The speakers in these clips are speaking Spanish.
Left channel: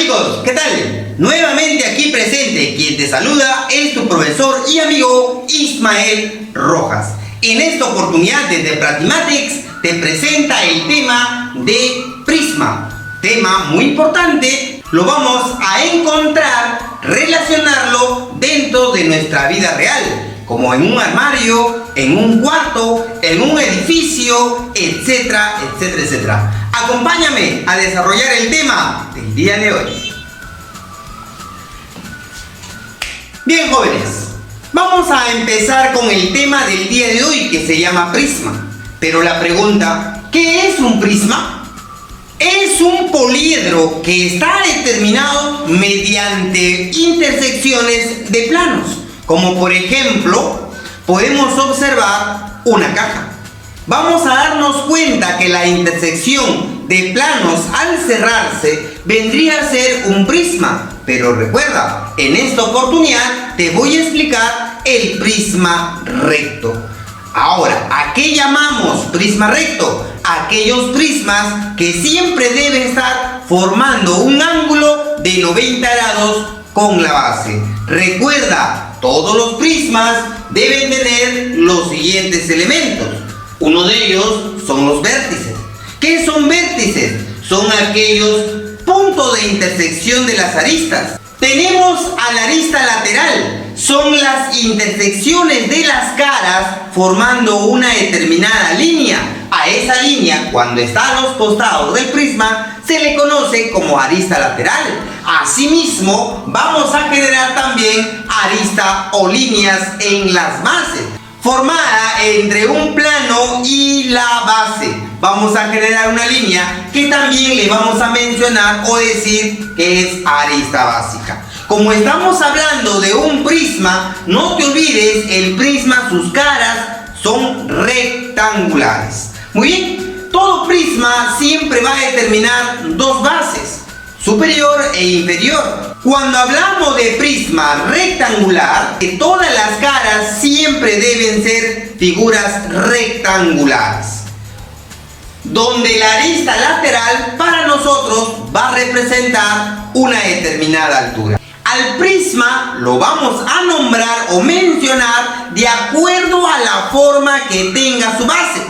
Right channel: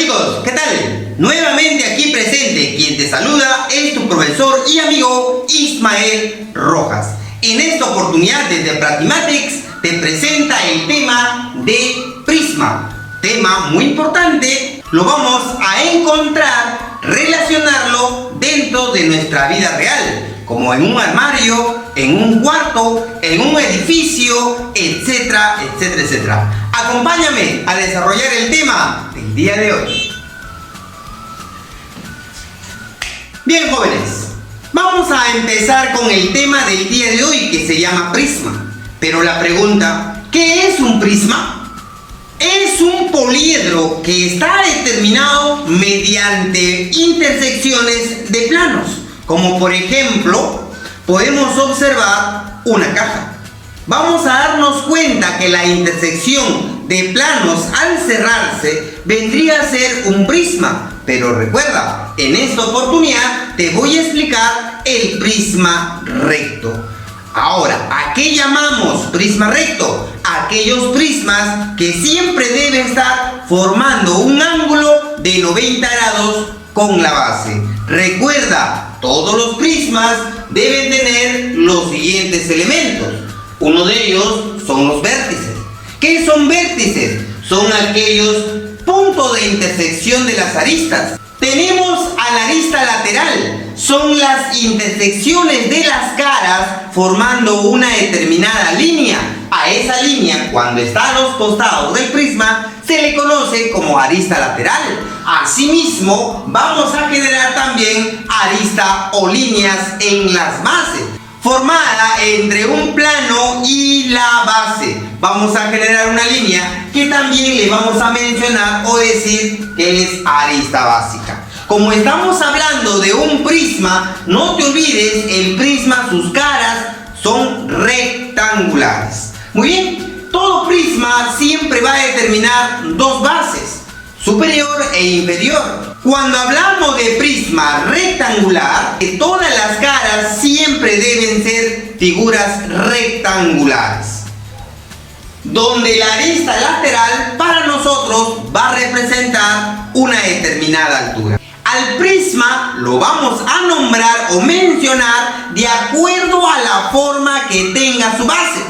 chicos, ¿qué tal? Nuevamente aquí presente, quien te saluda es tu profesor y amigo Ismael Rojas. En esta oportunidad desde Pratimatex te presenta el tema de prisma. Tema muy importante, lo vamos a encontrar, relacionarlo dentro de nuestra vida real, como en un armario, en un cuarto, en un edificio, etcétera, etcétera, etcétera. Acompáñame a desarrollar el tema del día de hoy. Bien, jóvenes, vamos a empezar con el tema del día de hoy que se llama prisma. Pero la pregunta, ¿qué es un prisma? Es un poliedro que está determinado mediante intersecciones de planos, como por ejemplo, podemos observar una caja. Vamos a darnos cuenta que la intersección de planos al cerrarse vendría a ser un prisma. Pero recuerda, en esta oportunidad te voy a explicar el prisma recto. Ahora, ¿a qué llamamos prisma recto? Aquellos prismas que siempre deben estar formando un ángulo de 90 grados con la base. Recuerda, todos los prismas deben tener los siguientes elementos. Uno de ellos son los vértices. ¿Qué son vértices? Son aquellos puntos de intersección de las aristas. Tenemos a la arista lateral. Son las intersecciones de las caras formando una determinada línea. A esa línea, cuando está a los costados del prisma, se le conoce como arista lateral. Asimismo, vamos a generar también arista o líneas en las bases, formada entre un plano y la base. Vamos a generar una línea que también le vamos a mencionar o decir que es arista básica. Como estamos hablando de un prisma, no te olvides, el prisma, sus caras son rectangulares. Muy bien, todo prisma siempre va a determinar dos bases, superior e inferior. Cuando hablamos de prisma rectangular, todas las caras siempre deben ser figuras rectangulares, donde la arista lateral para nosotros va a representar una determinada altura. Al prisma lo vamos a nombrar o mencionar de acuerdo a la forma que tenga su base.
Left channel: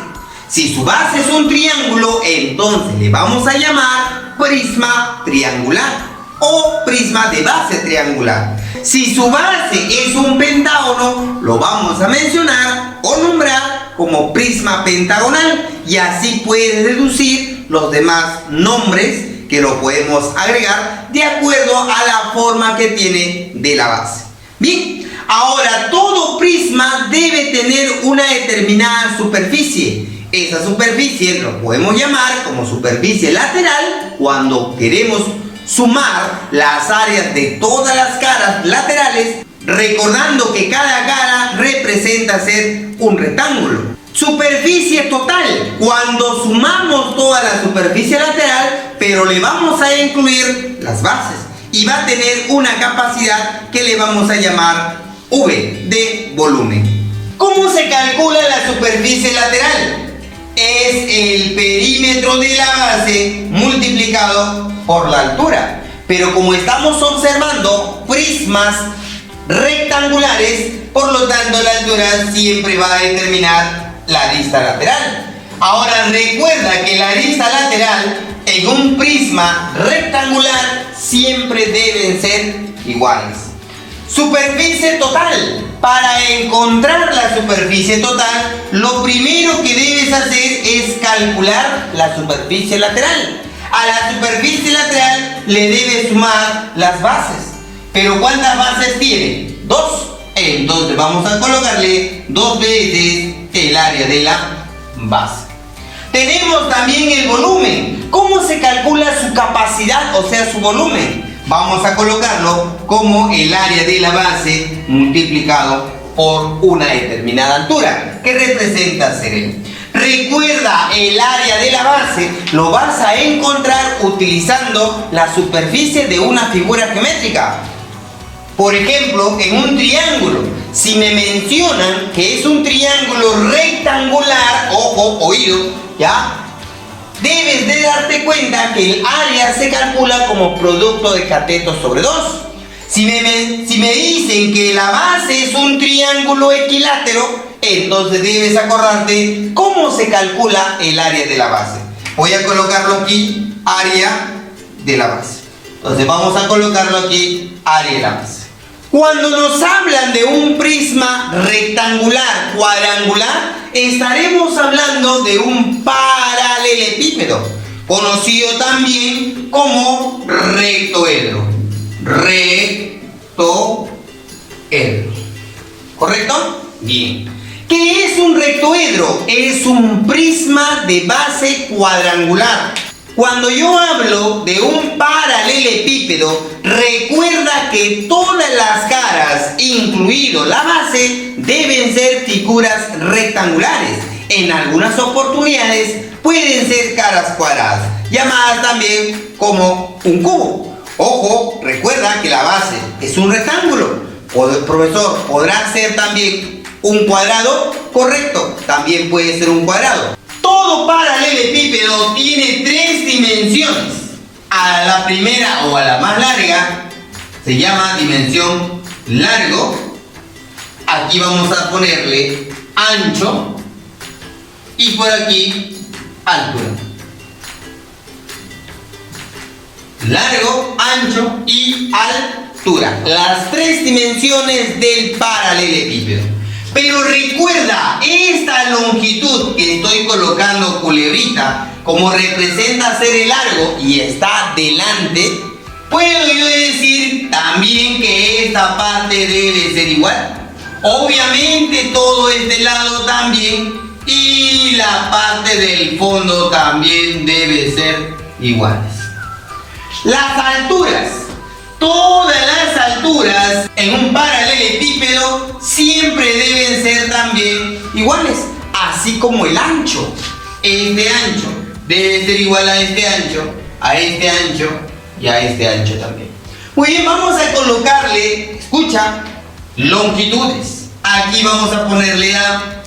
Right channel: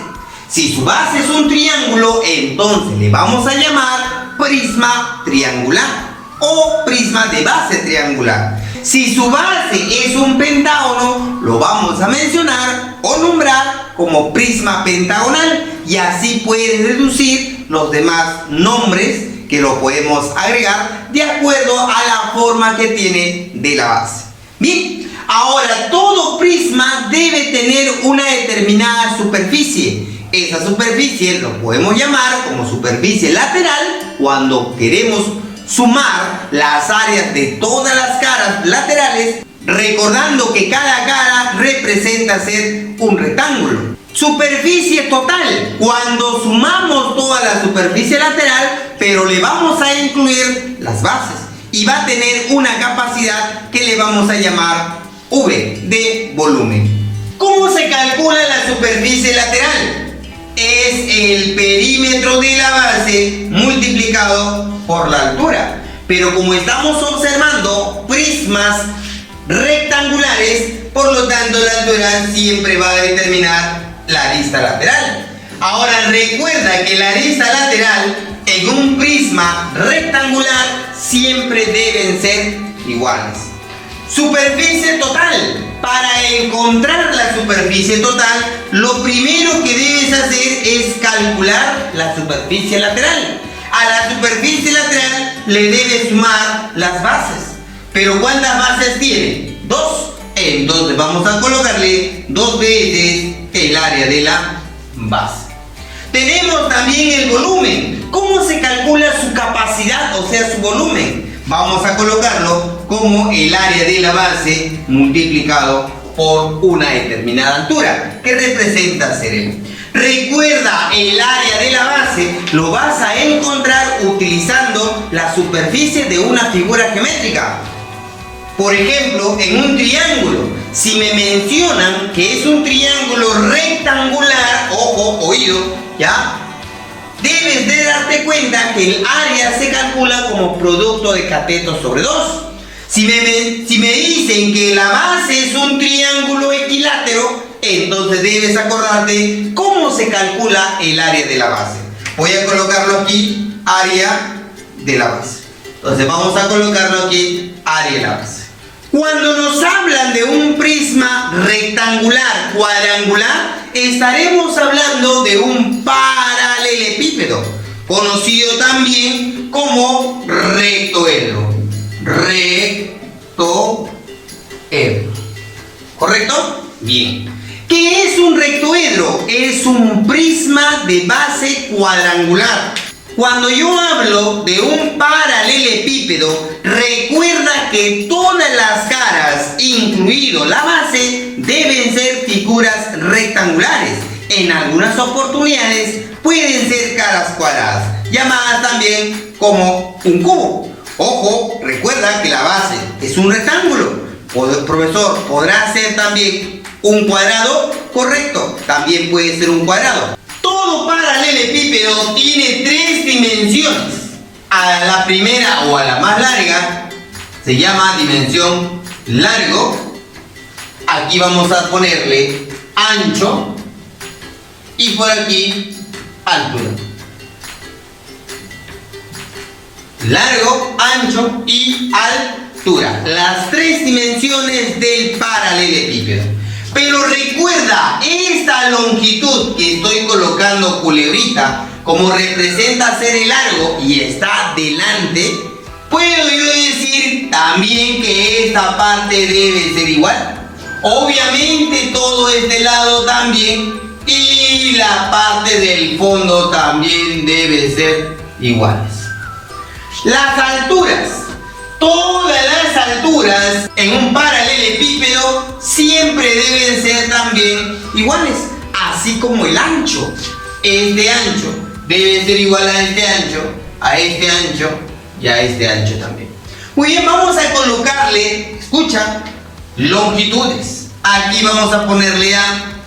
Si su base es un triángulo, entonces le vamos a llamar prisma triangular o prisma de base triangular. Si su base es un pentágono, lo vamos a mencionar o nombrar como prisma pentagonal, y así puedes deducir los demás nombres que lo podemos agregar de acuerdo a la forma que tiene de la base. Bien, ahora todo prisma debe tener una determinada superficie. Esa superficie lo podemos llamar como superficie lateral cuando queremos sumar las áreas de todas las caras laterales, recordando que cada cara representa ser un rectángulo. Superficie total, cuando sumamos toda la superficie lateral, pero le vamos a incluir las bases y va a tener una capacidad que le vamos a llamar V de volumen. ¿Cómo se calcula la superficie lateral? Es el perímetro de la base multiplicado por la altura. Pero como estamos observando prismas rectangulares, por lo tanto la altura siempre va a determinar la arista lateral. Ahora recuerda que la arista lateral en un prisma rectangular siempre deben ser iguales. Superficie total. Para encontrar la superficie total, lo primero que debes hacer es calcular la superficie lateral. A la superficie lateral le debes sumar las bases. ¿Pero cuántas bases tiene? 2. Entonces vamos a colocarle 2 veces el área de la base. Tenemos también el volumen. ¿Cómo se calcula su capacidad, o sea, su volumen? Vamos a colocarlo como el área de la base multiplicado por una determinada altura, que representa ser. Recuerda, el área de la base lo vas a encontrar utilizando la superficie de una figura geométrica. Por ejemplo, en un triángulo, si me mencionan que es un triángulo rectangular, ojo, oído, ¿ya? Debes de darte cuenta que el área se calcula como producto de catetos sobre 2. Si me dicen que la base es un triángulo equilátero, entonces debes acordarte cómo se calcula el área de la base. Voy a colocarlo aquí, área de la base. Entonces vamos a colocarlo aquí, área de la base. Cuando nos hablan de un prisma rectangular, cuadrangular, estaremos hablando de un paralelepípedo, conocido también como rectoedro. Rectoedro. ¿Correcto? Bien. ¿Qué es un rectoedro? Es un prisma de base cuadrangular. Cuando yo hablo de un paralelepípedo, recuerda que todas las caras, incluido la base, deben ser figuras rectangulares. En algunas oportunidades pueden ser caras cuadradas, llamadas también como un cubo. Ojo, recuerda que la base es un rectángulo. Profesor, ¿podrá ser también un cuadrado? Correcto, también puede ser un cuadrado. Todo paralelepípedo tiene 3 dimensiones. A la primera o a la más larga se llama dimensión largo. Aquí vamos a ponerle ancho y por aquí altura. Largo, ancho y altura. Las 3 dimensiones del paralelepípedo. Pero recuerda, esta longitud que estoy colocando culebrita, como representa ser el largo y está delante, puedo yo decir también que esta parte debe ser igual. Obviamente todo este lado también y la parte del fondo también debe ser iguales. Las alturas. Todas las alturas en un paralelepípedo siempre deben ser también iguales, así como el ancho. Este ancho debe ser igual a este ancho, a este ancho y a este ancho también. Muy bien, vamos a colocarle, escucha, longitudes. Aquí vamos a ponerle A,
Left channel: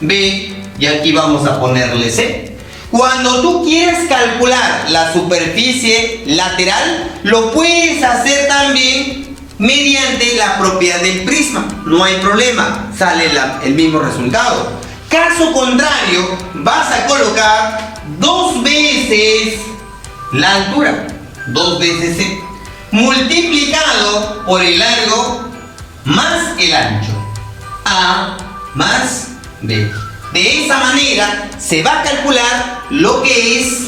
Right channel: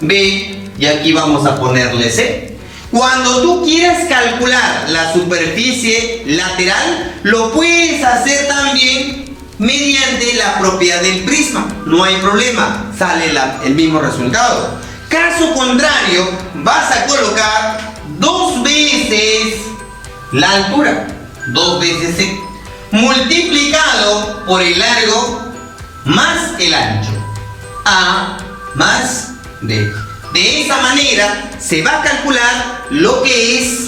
B y aquí vamos a ponerle C. Cuando tú quieras calcular la superficie lateral, lo puedes hacer también mediante la propiedad del prisma. No hay problema, sale el mismo resultado. Caso contrario, vas a colocar 2 veces la altura, 2 veces C, multiplicado por el largo más el ancho. A más B. De esa manera se va a calcular lo que es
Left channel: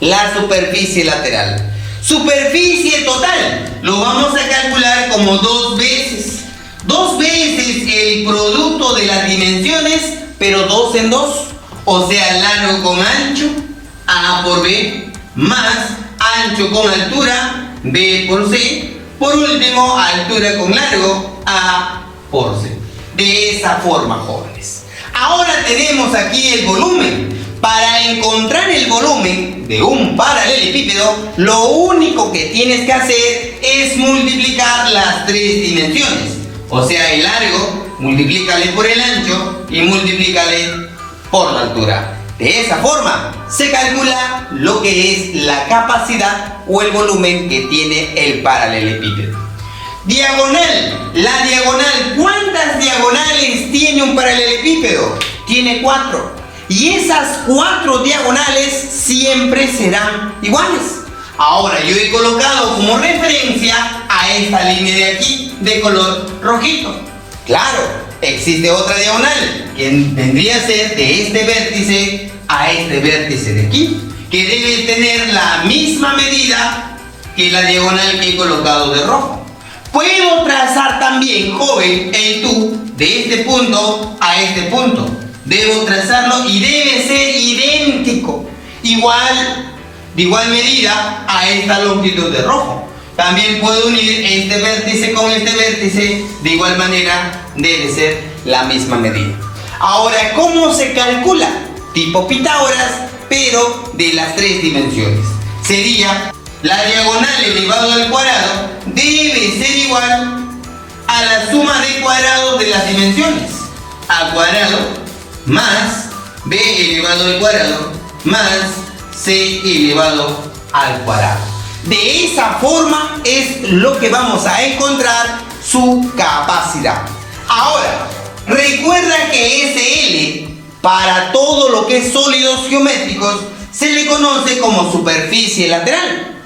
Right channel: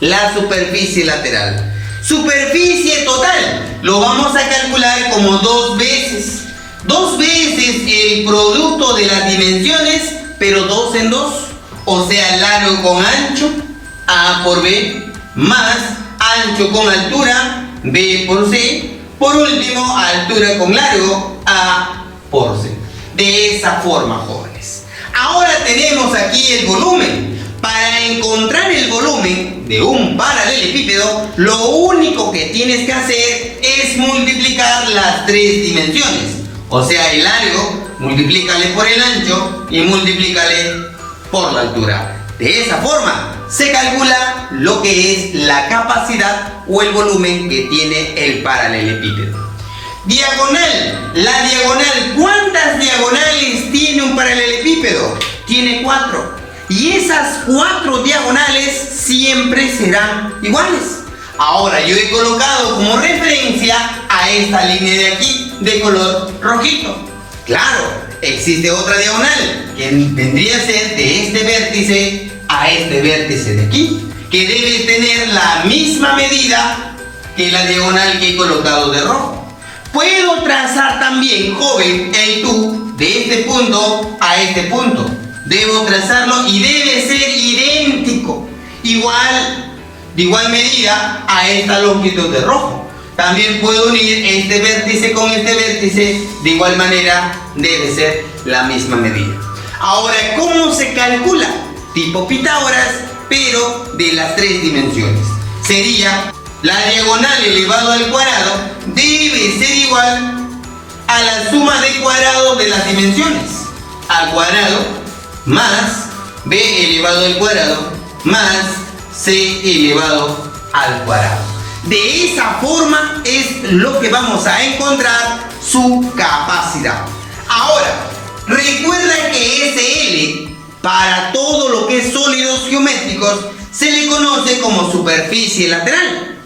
la superficie lateral. Superficie total lo vamos a calcular como 2 veces. 2 veces el producto de las dimensiones, pero 2 en 2. O sea, largo con ancho, A por B, más ancho con altura, B por C. Por último, altura con largo, A por C. De esa forma, jóvenes. Ahora tenemos aquí el volumen. Para encontrar el volumen de un paralelepípedo, lo único que tienes que hacer es multiplicar las 3 dimensiones. O sea, el largo, multiplícale por el ancho y multiplícale por la altura. De esa forma se calcula lo que es la capacidad o el volumen que tiene el paralelepípedo. Diagonal. La diagonal. ¿Cuántas diagonales tiene un paralelepípedo? Tiene 4. Y esas 4 diagonales siempre serán iguales. Ahora yo he colocado como referencia a esta línea de aquí, de color rojito. Claro, existe otra diagonal que vendría a ser de este vértice a este vértice de aquí, que debe tener la misma medida que la diagonal que he colocado de rojo. Puedo trazar también, joven, el tú de este punto a este punto. Debo trazarlo y debe ser idéntico, de igual medida a esta longitud de rojo. También puedo unir este vértice con este vértice, de igual manera debe ser la misma medida. Ahora, ¿cómo se calcula? Tipo Pitágoras, pero de las 3 dimensiones. Sería la diagonal elevado al cuadrado debe ser igual a la suma de cuadrados de las dimensiones. A cuadrado más b elevado al cuadrado más C elevado al cuadrado. De esa forma es lo que vamos a encontrar su capacidad. Ahora, recuerda que SL, para todo lo que es sólidos geométricos, se le conoce como superficie lateral.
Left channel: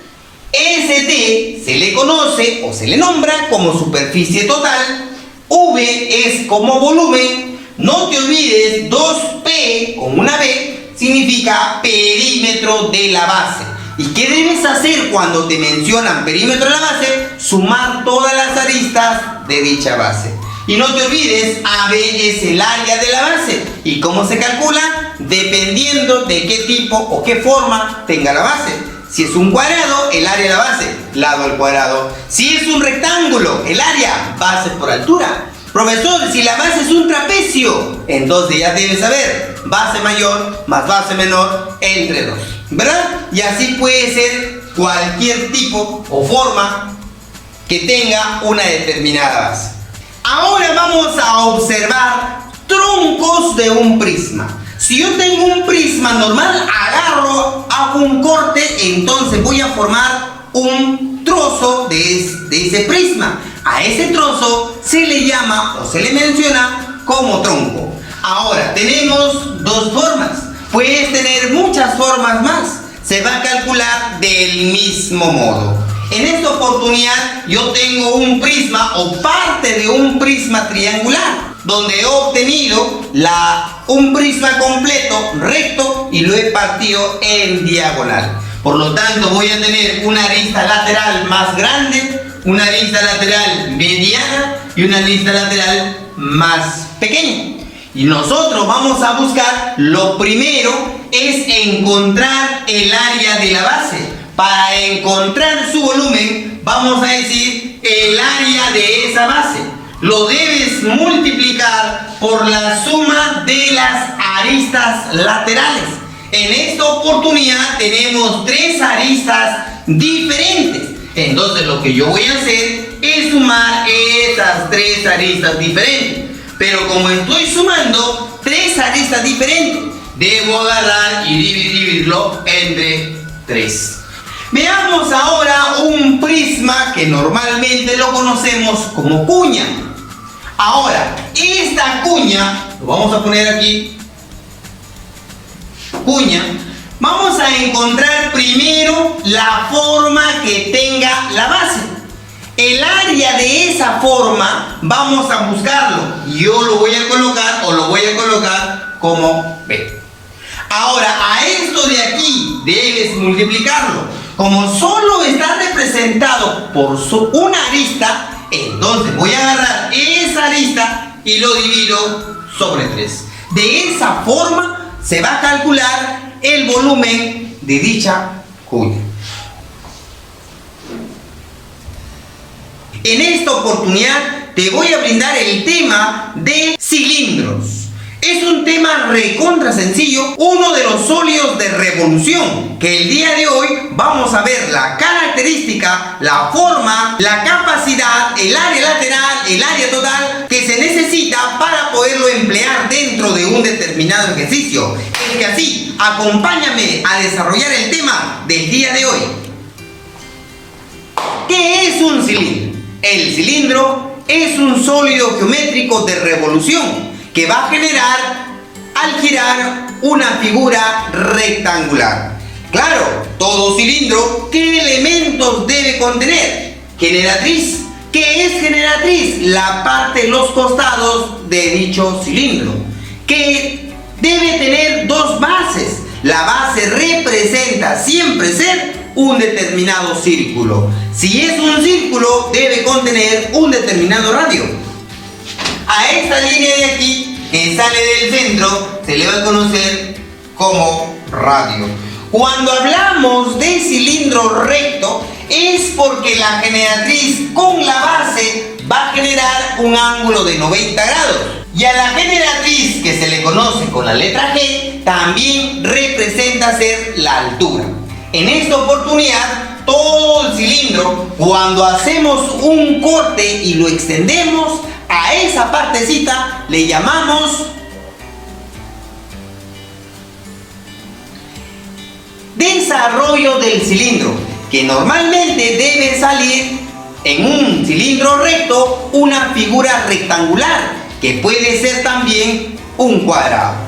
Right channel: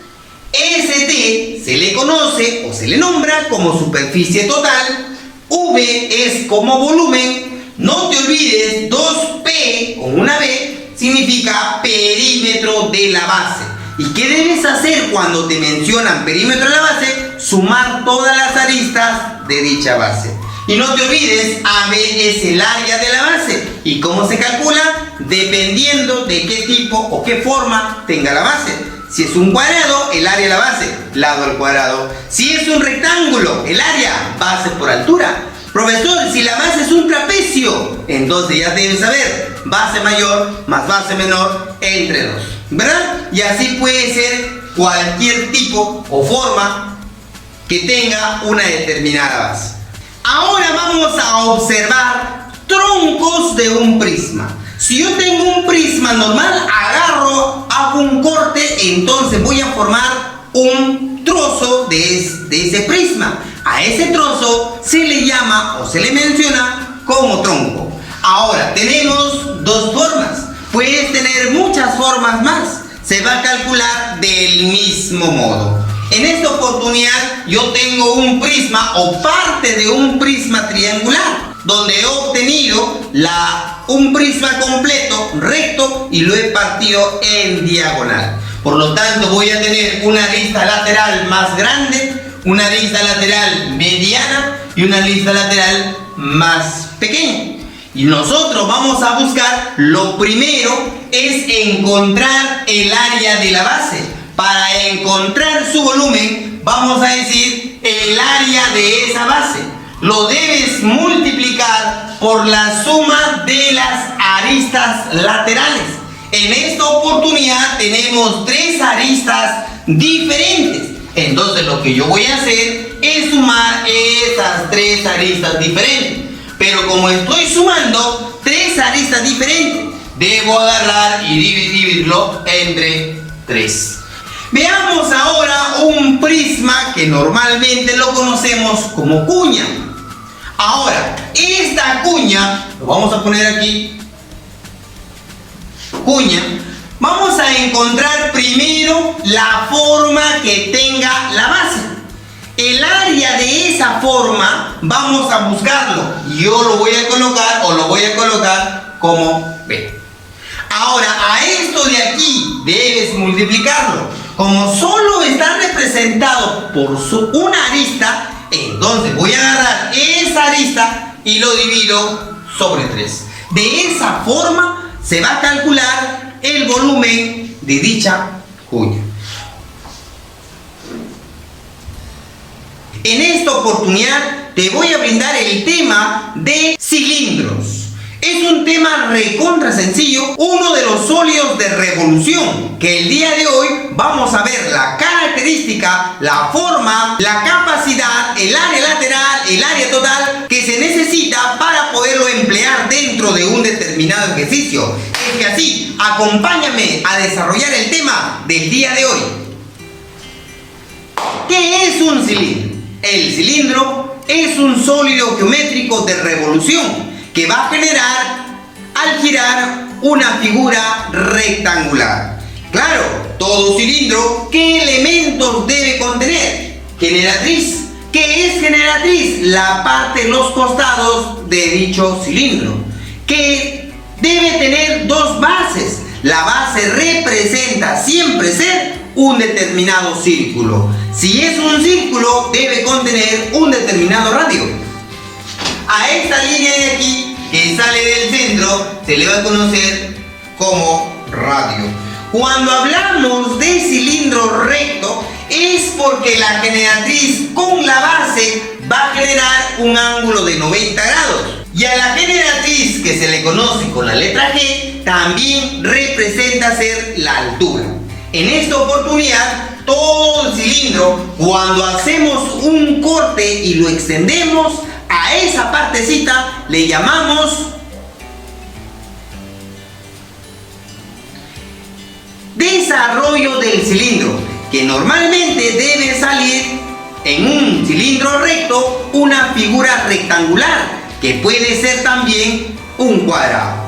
ST se le conoce o se le nombra como superficie total. V es como volumen. No te olvides, 2P con una B significa perímetro de la base. ¿Y qué debes hacer cuando te mencionan perímetro de la base? Sumar todas las aristas de dicha base. Y no te olvides, AB es el área de la base. ¿Y cómo se calcula? Dependiendo de qué tipo o qué forma tenga la base. Si es un cuadrado, el área de la base, lado al cuadrado. Si es un rectángulo, el área, base por altura. Profesor, si la base es un trapecio, entonces ya debes saber, base mayor más base menor entre 2, ¿verdad? Y así puede ser cualquier tipo o forma que tenga una determinada base. Ahora vamos a observar troncos de un prisma. Si yo tengo un prisma normal, agarro, hago un corte, entonces voy a formar un trozo de ese prisma. A ese trozo se le llama o se le menciona como tronco. Ahora, tenemos dos formas. Puedes tener muchas formas más. Se va a calcular del mismo modo. En esta oportunidad yo tengo un prisma o parte de un prisma triangular, donde he obtenido un prisma completo recto y lo he partido en diagonal. Por lo tanto, voy a tener una arista lateral más grande, una arista lateral mediana y una arista lateral más pequeña. Y nosotros vamos a buscar, lo primero es encontrar el área de la base. Para encontrar su volumen, vamos a decir el área de esa base. Lo debes multiplicar por la suma de las aristas laterales. En esta oportunidad tenemos 3 aristas diferentes. Entonces lo que yo voy a hacer es sumar estas 3 aristas diferentes. Pero como estoy sumando 3 aristas diferentes, debo agarrar y dividirlo entre 3. Veamos ahora un prisma que normalmente lo conocemos como cuña. Ahora, esta cuña, lo vamos a poner aquí, cuña, vamos a encontrar primero la forma que tenga la base. El área de esa forma vamos a buscarlo. Yo lo voy a colocar o lo voy a colocar como B. Ahora, a esto de aquí debes multiplicarlo. Como solo está representado por una arista, entonces voy a agarrar esa arista y lo divido sobre 3. De esa forma se va a calcular el volumen de dicha cuña. En esta oportunidad te voy a brindar el tema de cilindros. Es un tema recontra sencillo, uno de los sólidos de revolución, que el día de hoy vamos a ver la característica, la forma, la capacidad, el área lateral, el área total que se necesita para poderlo emplear dentro de un determinado ejercicio. Es que así, acompáñame a desarrollar el tema del día de hoy. ¿Qué es un cilindro? El cilindro es un sólido geométrico de revolución que va a generar al girar una figura rectangular. Claro, todo cilindro, ¿qué elementos debe contener? Generatriz. ¿Qué es generatriz? La parte de los costados de dicho cilindro, que debe tener 2 bases. La base representa siempre ser un determinado círculo. Si es un círculo, debe contener un determinado radio. A esta línea de aquí, que sale del centro, se le va a conocer como radio. Cuando hablamos de cilindro recto, es porque la generatriz con la base va a generar un ángulo de 90 grados. Y a la generatriz, que se le conoce con la letra G, también representa ser la altura. En esta oportunidad, todo el cilindro, cuando hacemos un corte y lo extendemos, a esa partecita le llamamos Desarrollo del cilindro, que normalmente debe salir en un cilindro recto una figura rectangular, que puede ser también un cuadrado.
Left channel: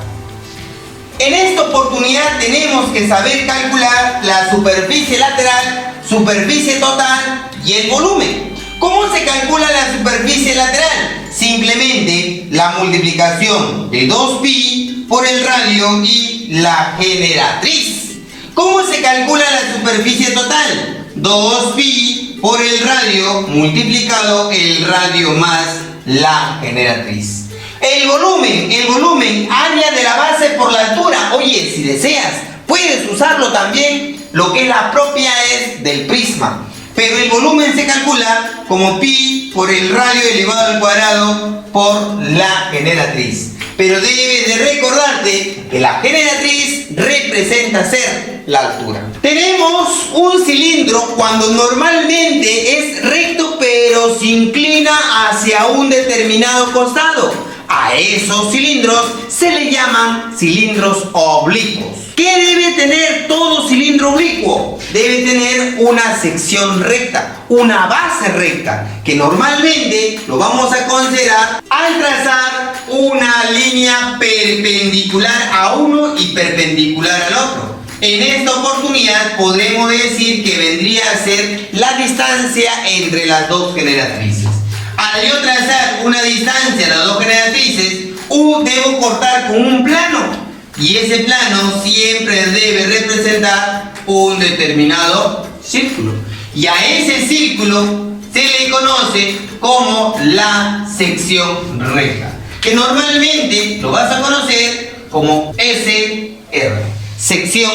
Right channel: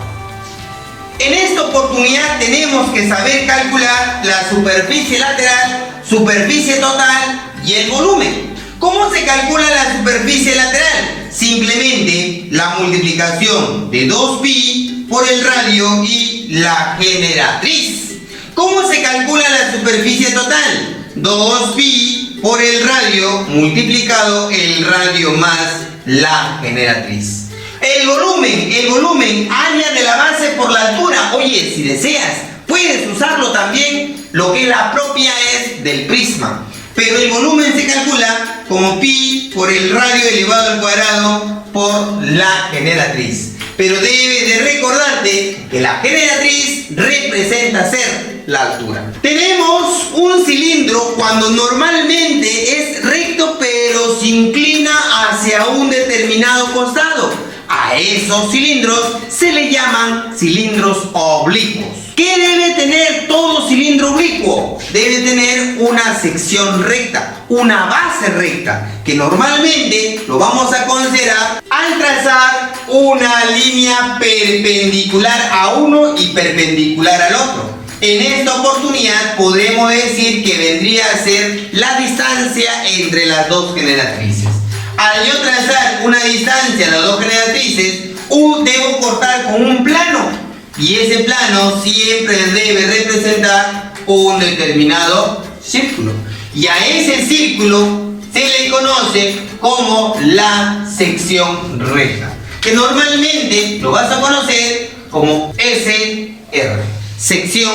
En esta oportunidad tenemos que saber calcular la superficie lateral, superficie total y el volumen. ¿Cómo se calcula la superficie lateral? Simplemente la multiplicación de 2pi por el radio y la generatriz. ¿Cómo se calcula la superficie total? 2pi por el radio multiplicado el radio más la generatriz. El volumen, área de la base por la altura. Oye, si deseas, puedes usarlo también, lo que es la propia es del prisma. Pero el volumen se calcula como pi por el radio elevado al cuadrado por la generatriz. Pero debes de recordarte que la generatriz representa ser la altura. Tenemos un cilindro cuando normalmente es recto pero se inclina hacia un determinado costado. A esos cilindros se le llaman cilindros oblicuos. ¿Qué debe tener todo cilindro oblicuo? Debe tener una sección recta, una base recta, que normalmente lo vamos a considerar al trazar una línea perpendicular a uno y perpendicular al otro. En esta oportunidad podremos decir que vendría a ser la distancia entre las dos generatrices. Al yo trazar una distancia a las dos generatrices, debo cortar con un plano. Y ese plano siempre debe representar un determinado círculo. Y a ese círculo se le conoce como la sección recta, que normalmente lo vas a conocer como SR, sección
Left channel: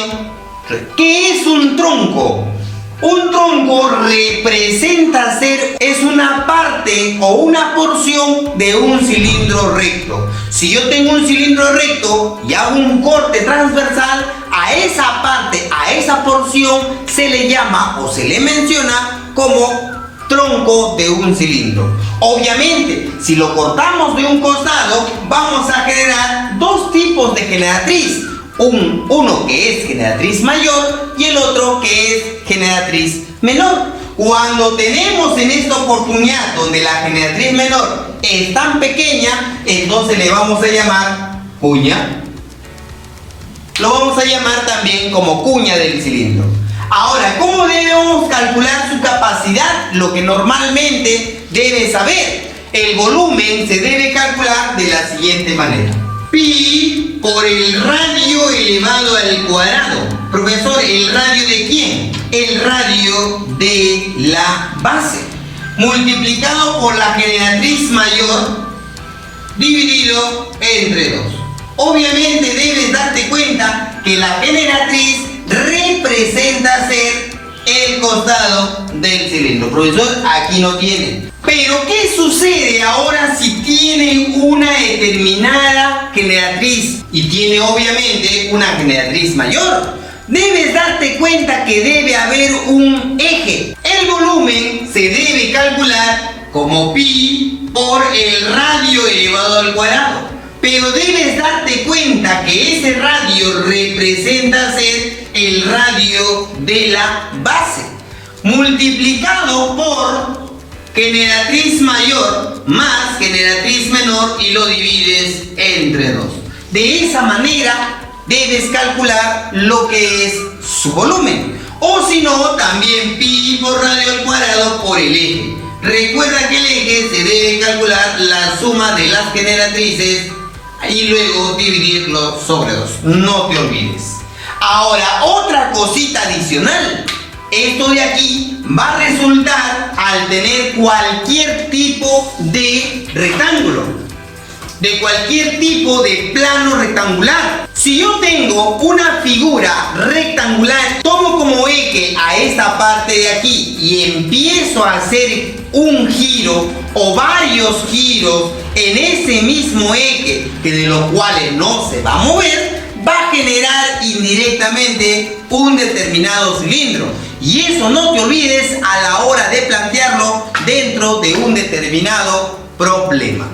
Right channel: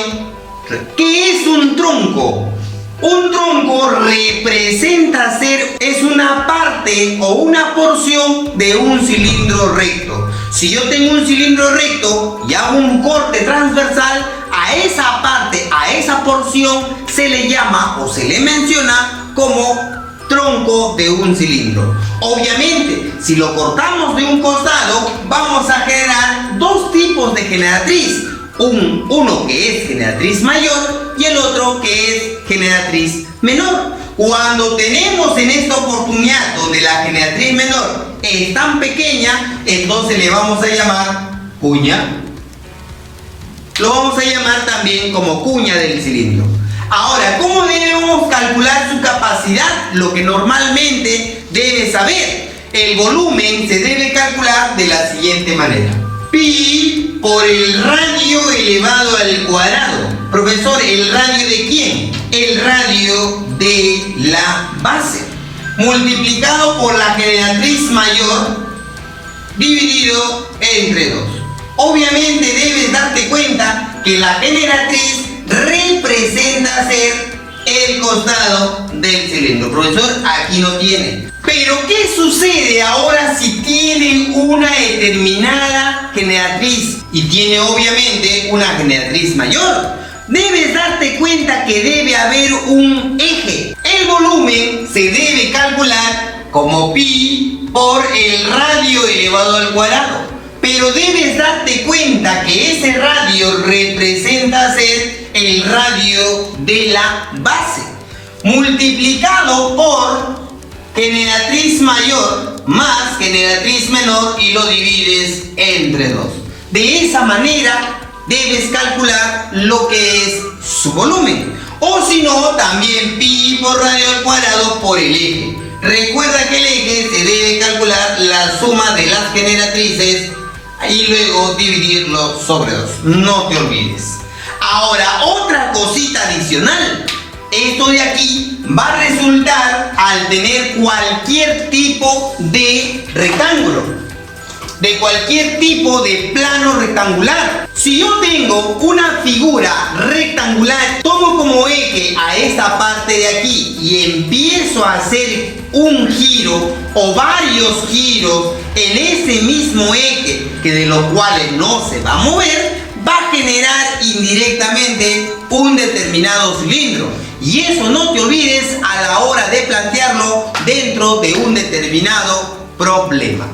recta. ¿Qué es un tronco? Un tronco representa es una parte o una porción de un cilindro recto. Si yo tengo un cilindro recto y hago un corte transversal, a esa parte, a esa porción se le llama o se le menciona como tronco de un cilindro. Obviamente, si lo cortamos de un costado, vamos a generar dos tipos de generatriz. Uno que es generatriz mayor y el otro que es generatriz menor. Cuando tenemos en esta oportunidad donde la generatriz menor es tan pequeña, entonces le vamos a llamar cuña. Lo vamos a llamar también como cuña del cilindro. Ahora, ¿cómo debemos calcular su capacidad? Lo que normalmente debes saber. El volumen se debe calcular de la siguiente manera. Pi por el radio elevado al cuadrado. Profesor, ¿el radio de quién? El radio de la base. Multiplicado por la generatriz mayor dividido entre 2. Obviamente debes darte cuenta que la generatriz representa ser el costado del cilindro. Profesor, aquí no tiene. Pero ¿qué sucede ahora si tiene una determinada generatriz y tiene obviamente una generatriz mayor? Debes darte cuenta que debe haber un eje. El volumen se debe calcular como pi por el radio elevado al cuadrado. Pero debes darte cuenta que ese radio representa ser el radio de la base, multiplicado por generatriz mayor más generatriz menor y lo divides entre 2. De esa manera debes calcular lo que es su volumen. O si no, también pi por radio al cuadrado por el eje. Recuerda que el eje se debe calcular la suma de las generatrices y luego dividirlo sobre 2. No te olvides. Ahora, otra cosita adicional. Esto de aquí va a resultar al tener cualquier tipo de rectángulo, de cualquier tipo de plano rectangular. Si yo tengo una figura rectangular, tomo como eje a esta parte de aquí y empiezo a hacer un giro o varios giros en ese mismo eje, que de los cuales no se va a mover, va a generar indirectamente un determinado cilindro. Y eso no te olvides a la hora de plantearlo dentro de un determinado problema.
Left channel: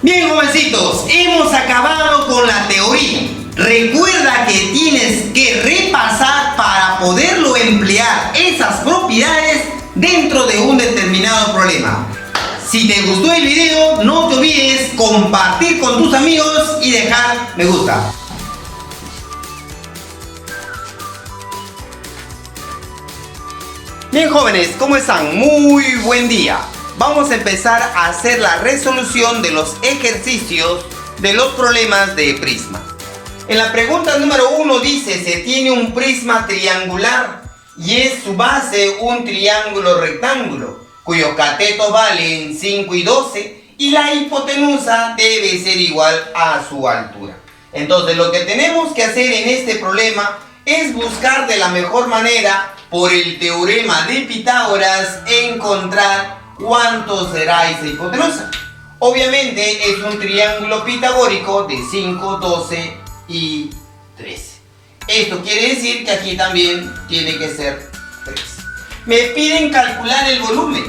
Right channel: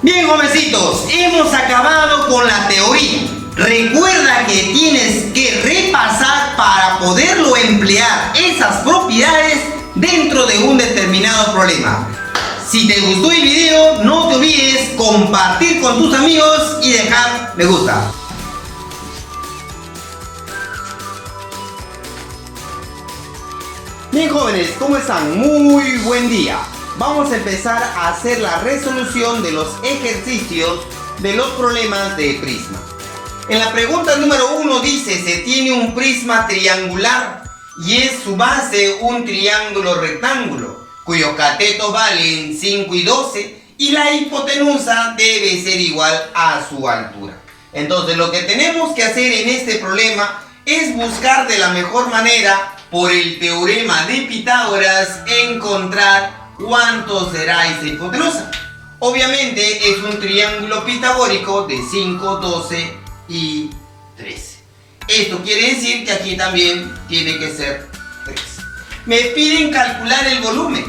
Bien, jovencitos, hemos acabado con la teoría. Recuerda que tienes que repasar para poderlo emplear esas propiedades dentro de un determinado problema. Si te gustó el video, no te olvides compartir con tus amigos y dejar me gusta. Bien, jóvenes, ¿cómo están? Muy buen día. Vamos a empezar a hacer la resolución de los ejercicios de los problemas de prisma. En la pregunta número 1 dice: se tiene un prisma triangular y es su base un triángulo rectángulo, cuyos catetos valen 5 y 12 y la hipotenusa debe ser igual a su altura. Entonces lo que tenemos que hacer en este problema es buscar de la mejor manera, por el teorema de Pitágoras, encontrar cuánto será esa hipotenusa. Obviamente es un triángulo pitagórico de 5, 12 y 13. Esto quiere decir que aquí también tiene que ser 3. Me piden calcular el volumen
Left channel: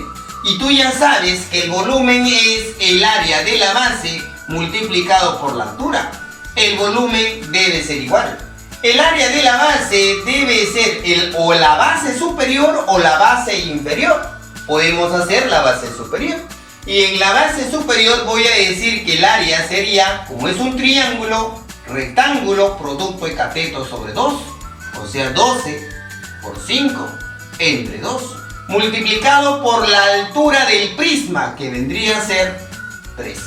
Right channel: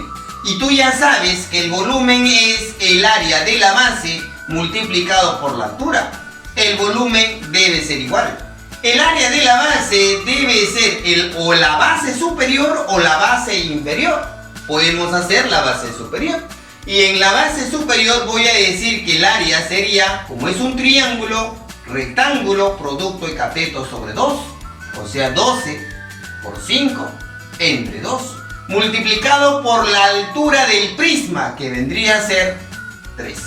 y tú ya sabes que el volumen es el área de la base multiplicado por la altura. El volumen debe ser igual. El área de la base debe ser o la base superior o la base inferior. Podemos hacer la base superior. Y en la base superior voy a decir que el área sería, como es un triángulo rectángulo, producto de catetos sobre 2, o sea 12 por 5 entre 2, multiplicado por la altura del prisma, que vendría a ser 13.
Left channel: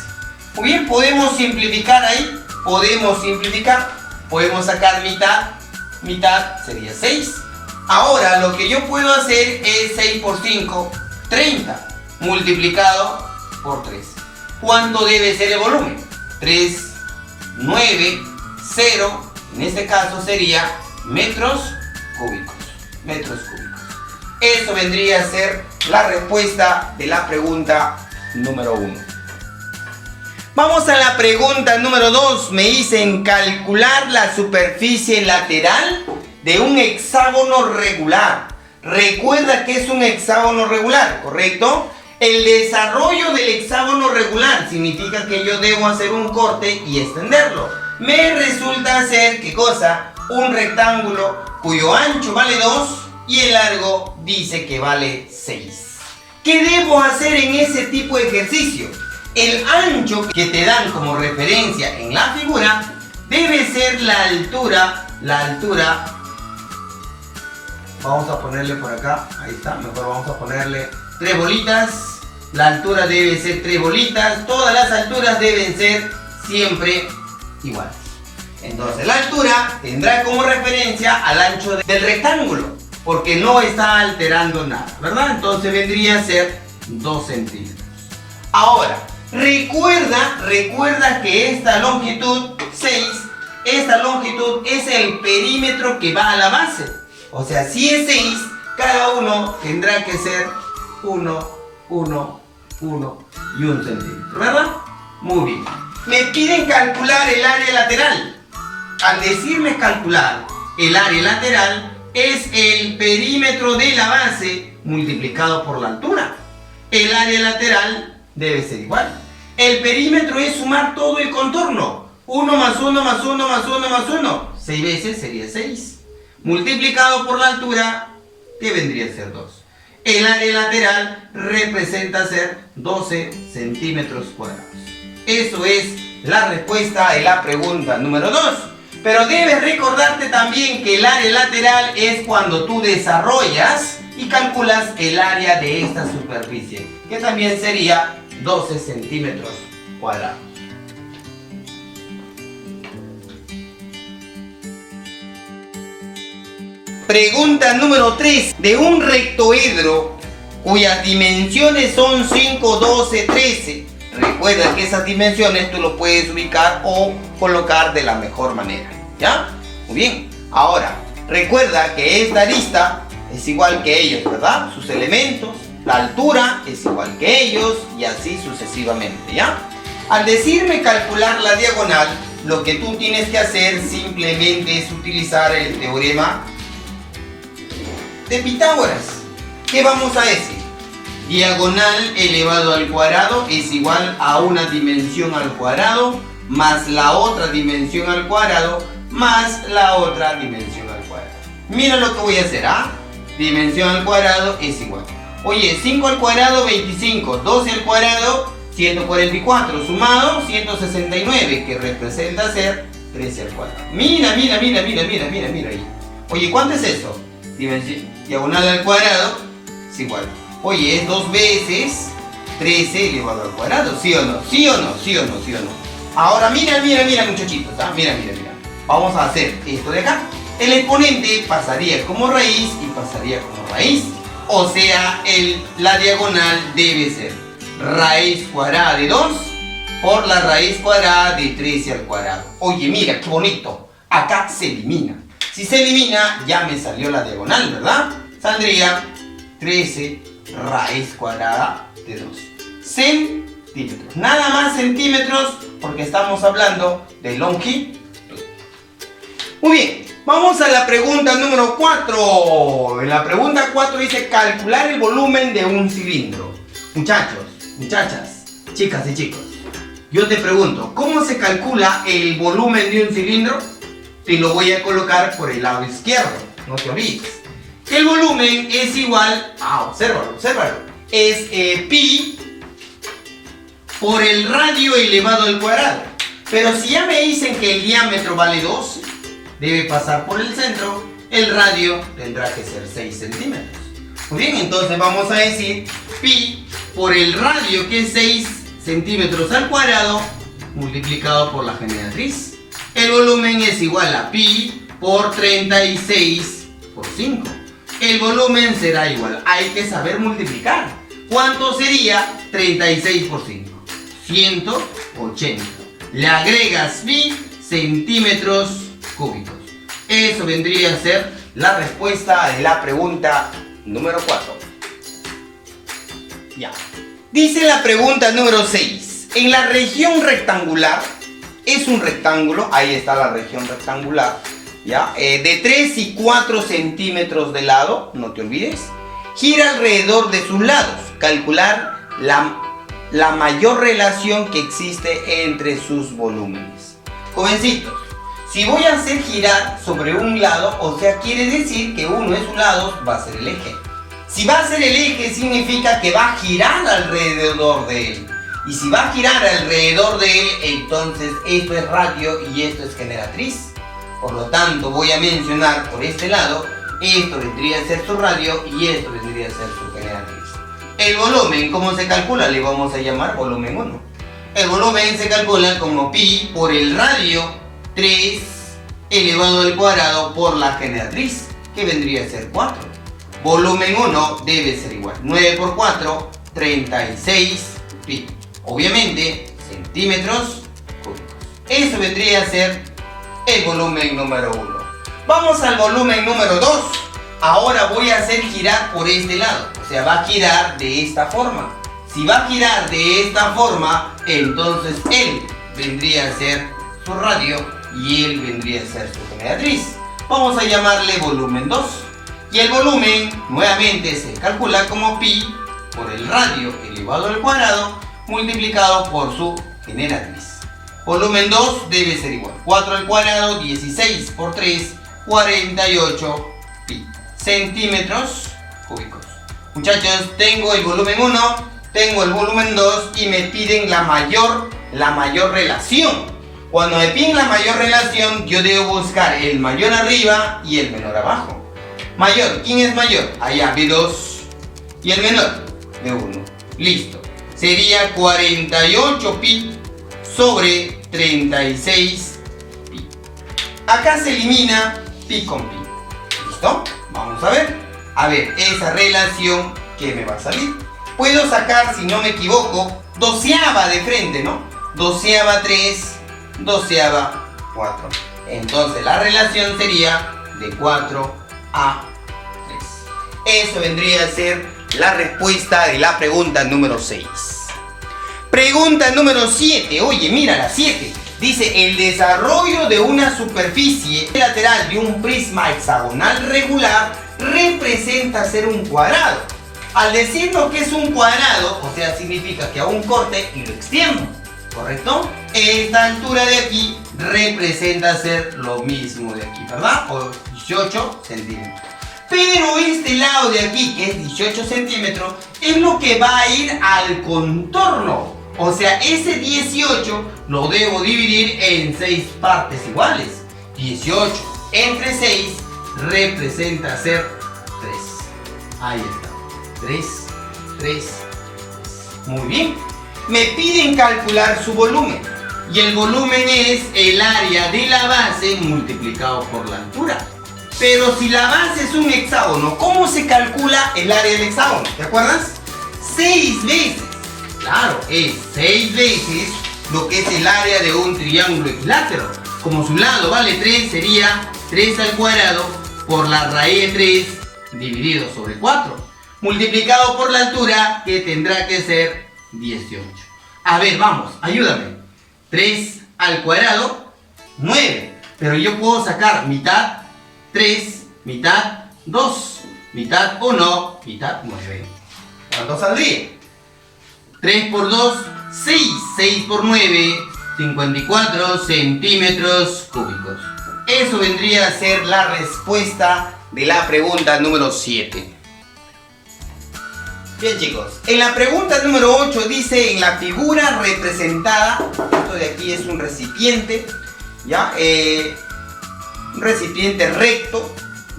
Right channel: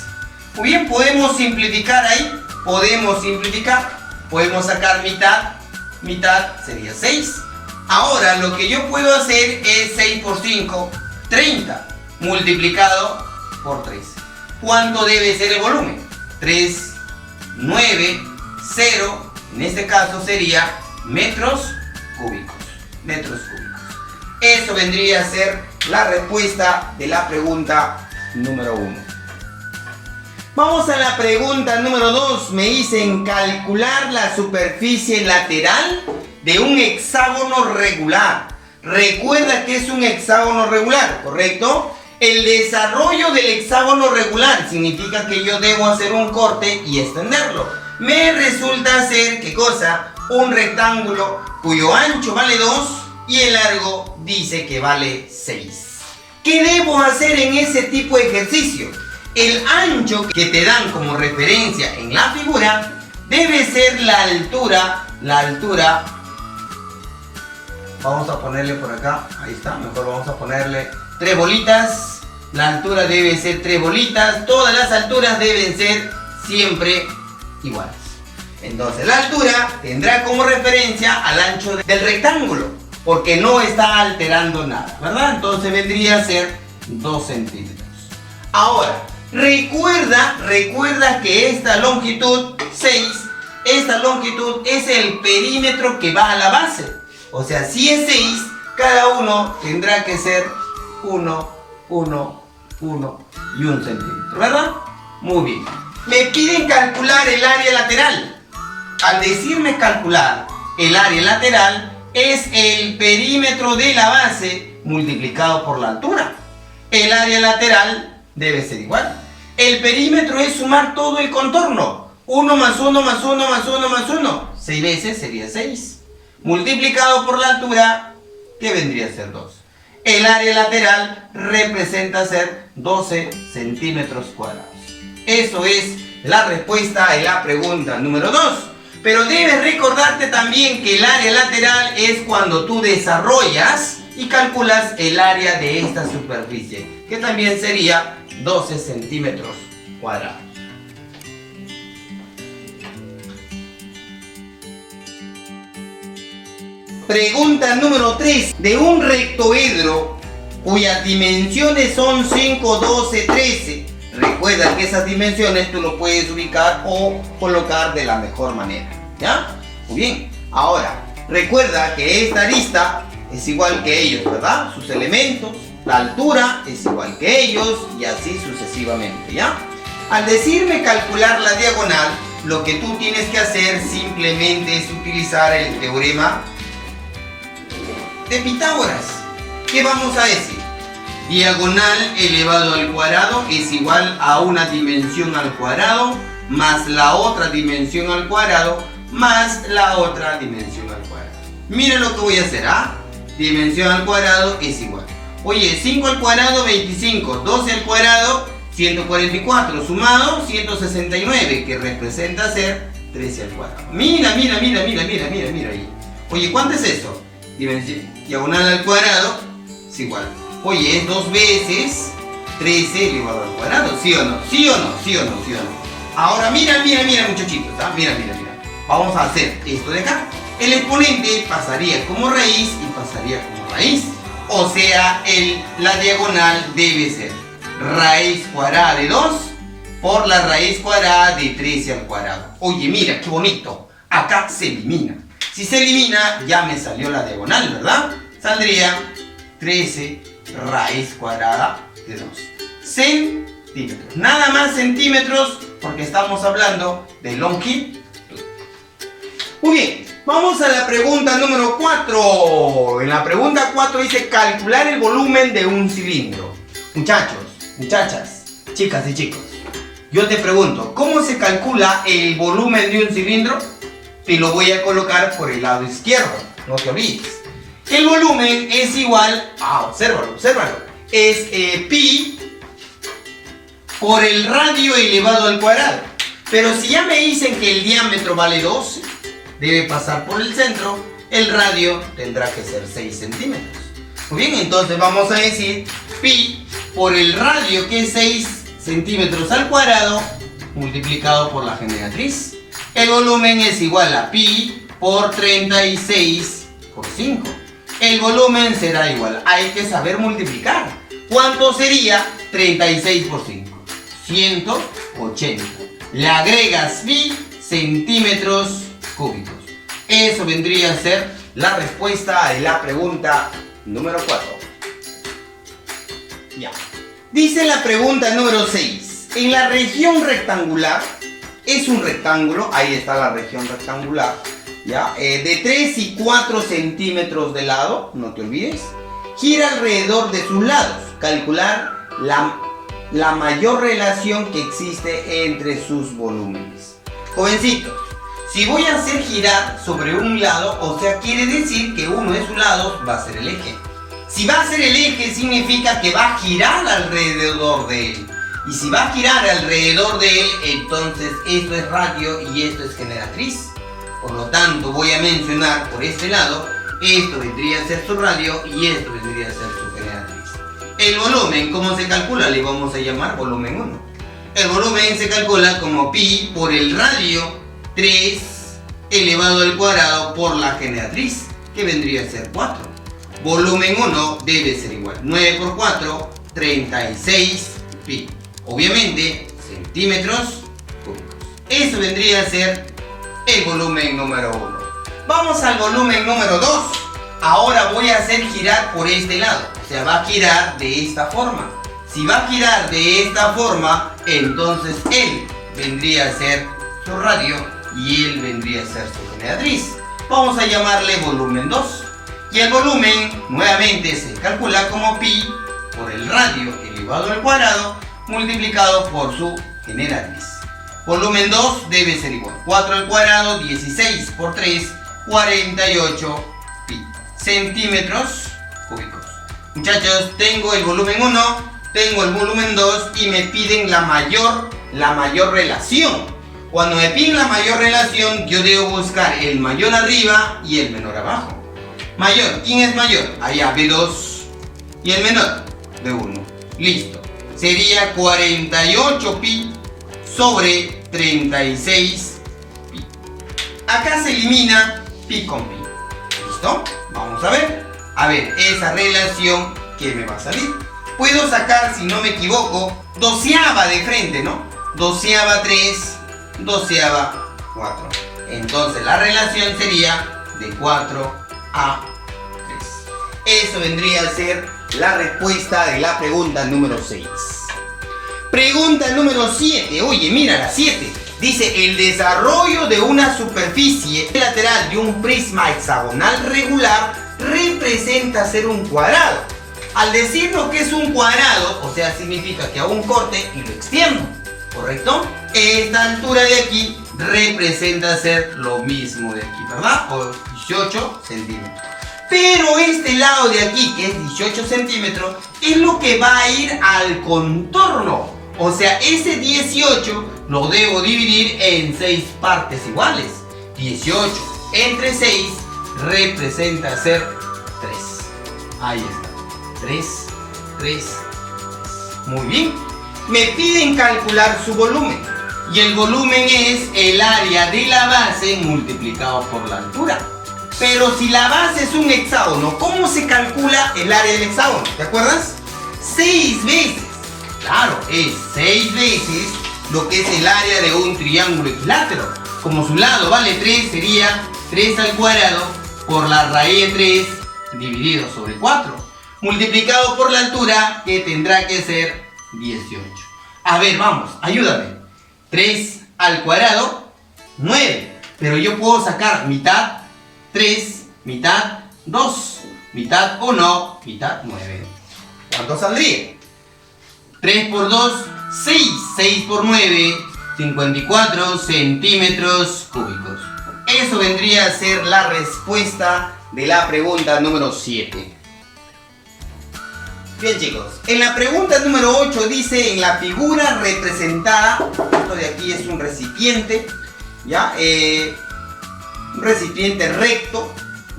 O bien podemos simplificar ahí, podemos sacar mitad sería 6. Ahora lo que yo puedo hacer es 6 por 5, 30, multiplicado por 3. ¿Cuánto debe ser el volumen? 3, 9, 0, en este caso sería metros cúbicos. Eso vendría a ser la respuesta de la pregunta número 1. Vamos a la pregunta número 2. Me dicen calcular la superficie lateral de un hexágono regular. Recuerda que es un hexágono regular, ¿correcto? El desarrollo del hexágono regular significa que yo debo hacer un corte y extenderlo. Me resulta ser, ¿qué cosa? Un rectángulo cuyo ancho vale 2 y el largo dice que vale 6. ¿Qué debo hacer en ese tipo de ejercicio? El ancho que te dan como referencia en la figura debe ser la altura. Vamos a ponerle por acá, ahí está, mejor vamos a ponerle 3 bolitas. La altura debe ser 3 bolitas. Todas las alturas deben ser siempre iguales. Entonces la altura tendrá como referencia al ancho del rectángulo, porque no está alterando nada, ¿verdad? Entonces vendría a ser 2 centímetros. Ahora, recuerda que esta longitud 6, esta longitud es el perímetro que va a la base. O sea, si es 6, cada uno tendrá que ser 1, 1, 1 y 1 centímetro, ¿verdad? Muy bien. Me piden calcular el área lateral. Al decirme calcular el área lateral, es el perímetro de la base multiplicado por la altura. El área lateral debe ser igual. El perímetro es sumar todo el contorno. 1 más 1 más 1 más 1 más 1. 6 veces sería 6. Multiplicado por la altura, que vendría a ser 2. El área lateral representa ser 12 centímetros cuadrados. Eso es la respuesta de la pregunta número 2. Pero debes recordarte también que el área lateral es cuando tú desarrollas y calculas el área de esta superficie, que también sería 12 centímetros cuadrados. Pregunta número 3. De un rectoedro cuyas dimensiones son 5, 12, 13. Recuerda que esas dimensiones tú lo puedes ubicar o colocar de la mejor manera, ¿ya? Muy bien. Ahora, recuerda que esta arista es igual que ellos, ¿verdad? Sus elementos, la altura es igual que ellos y así sucesivamente, ¿ya? Al decirme calcular la diagonal, lo que tú tienes que hacer simplemente es utilizar el teorema de Pitágoras. ¿Qué vamos a decir? Diagonal elevado al cuadrado es igual a una dimensión al cuadrado más la otra dimensión al cuadrado más la otra dimensión al cuadrado. Mira lo que voy a hacer, ¿ah? Dimensión al cuadrado es igual. Oye, 5 al cuadrado, 25. 12 al cuadrado, 144. Sumado, 169, que representa ser 13 al cuadrado. Mira ahí. Oye, ¿cuánto es esto? Diagonal al cuadrado es igual. Oye, es 2 veces 13 elevado al cuadrado. ¿Sí o no? ¿Sí o no? ¿Sí o no? ¿Sí o no? Ahora mira muchachitos, ¿ah? Mira. Vamos a hacer esto de acá. El exponente pasaría como raíz y pasaría como raíz. O sea, la diagonal debe ser raíz cuadrada de 2 por la raíz cuadrada de 13 al cuadrado. Oye, mira, qué bonito. Acá se elimina. Si se elimina, ya me salió la diagonal, ¿verdad? Saldría 13 raíz cuadrada de 2 centímetros. Nada más centímetros porque estamos hablando de longitud. Muy bien, vamos a la pregunta número 4. En la pregunta 4 dice calcular el volumen de un cilindro. Muchachos, muchachas, chicas y chicos, yo te pregunto, ¿cómo se calcula el volumen de un cilindro? Te lo voy a colocar por el lado izquierdo, no te olvides. El volumen es igual a, obsérvalo, es pi por el radio elevado al cuadrado. Pero si ya me dicen que el diámetro vale 12, debe pasar por el centro, el radio tendrá que ser 6 centímetros. Muy bien, entonces vamos a decir pi por el radio, que es 6 centímetros al cuadrado, multiplicado por la generatriz. El volumen es igual a pi por 36 por 5. El volumen será igual, hay que saber multiplicar. ¿Cuánto sería 36 por 5? 180. Le agregas pi centímetros cúbicos. Eso vendría a ser la respuesta de la pregunta número 4. Ya. Dice la pregunta número 6. En la región rectangular, es un rectángulo, ahí está la región rectangular, ¿ya? De 3 y 4 centímetros de lado, no te olvides. Gira alrededor de sus lados. Calcular la mayor relación que existe entre sus volúmenes. Jovencitos, si voy a hacer girar sobre un lado, o sea, quiere decir que uno de sus lados va a ser el eje. Si va a ser el eje, significa que va a girar alrededor de él. Y si va a girar alrededor de él, entonces esto es radio y esto es generatriz. Por lo tanto, voy a mencionar por este lado, esto vendría a ser su radio y esto vendría a ser su generatriz. El volumen, ¿cómo se calcula? Le vamos a llamar volumen 1. El volumen se calcula como pi por el radio 3 elevado al cuadrado por la generatriz, que vendría a ser 4. Volumen 1 debe ser igual. 9 por 4, 36 pi. Obviamente, centímetros cúbicos. Eso vendría a ser el volumen número 1. Vamos al volumen número 2. Ahora voy a hacer girar por este lado. O sea, va a girar de esta forma. Si va a girar de esta forma, entonces él vendría a ser su radio y él vendría a ser su generatriz. Vamos a llamarle volumen 2. Y el volumen nuevamente se calcula como pi por el radio elevado al cuadrado multiplicado por su generatriz. Volumen 2 debe ser igual. 4 al cuadrado, 16 por 3, 48 pi. Centímetros cúbicos. Muchachos, tengo el volumen 1, tengo el volumen 2 y me piden la mayor relación. Cuando me piden la mayor relación, yo debo buscar el mayor arriba y el menor abajo. Mayor, ¿quién es mayor? Allá, B2. Y el menor, B1. Listo. Sería 48 pi sobre 36 pi. Acá se elimina pi con pi. ¿Listo? Vamos a ver. A ver, esa relación que me va a salir. Puedo sacar, si no me equivoco, doceava de frente, ¿no? Doceava 3, doceava 4. Entonces la relación sería de 4 a 3. Eso vendría a ser la respuesta de la pregunta número 6. Pregunta número 7. Oye, mira la 7. Dice, el desarrollo de una superficie lateral de un prisma hexagonal regular representa ser un cuadrado. Al decirlo que es un cuadrado, o sea, significa que hago un corte y lo extiendo. ¿correcto? Esta altura de aquí representa ser lo mismo de aquí, ¿verdad? O 18 centímetros. Pero este lado de aquí, que es 18 centímetros, es lo que va a ir al contorno. O sea, ese 18 lo debo dividir en 6 partes iguales. 18 entre 6 representa ser 3. Ahí está. 3, 3. Muy bien. Me piden calcular su volumen. Y el volumen es el área de la base multiplicado por la altura. Pero si la base es un hexágono, ¿cómo se calcula el área del hexágono? ¿Te acuerdas? 6 veces. Claro, es 6 veces lo que es el área de un triángulo equilátero. Como su lado vale 3, sería 3 al cuadrado por la raíz de 3 dividido sobre 4. Multiplicado por la altura, que tendrá que ser 18. A ver, vamos, ayúdame. 3 al cuadrado, 9. Pero yo puedo sacar mitad 3, mitad 2, mitad 1, mitad 9. ¿Cuánto saldría? 3 por 2, 6. 6 por 9, 54 centímetros cúbicos. Eso vendría a ser la respuesta de la pregunta número 7. Bien, chicos, en la pregunta número 8 dice: en la figura representada, esto de aquí es un recipiente, ¿ya? Un recipiente recto,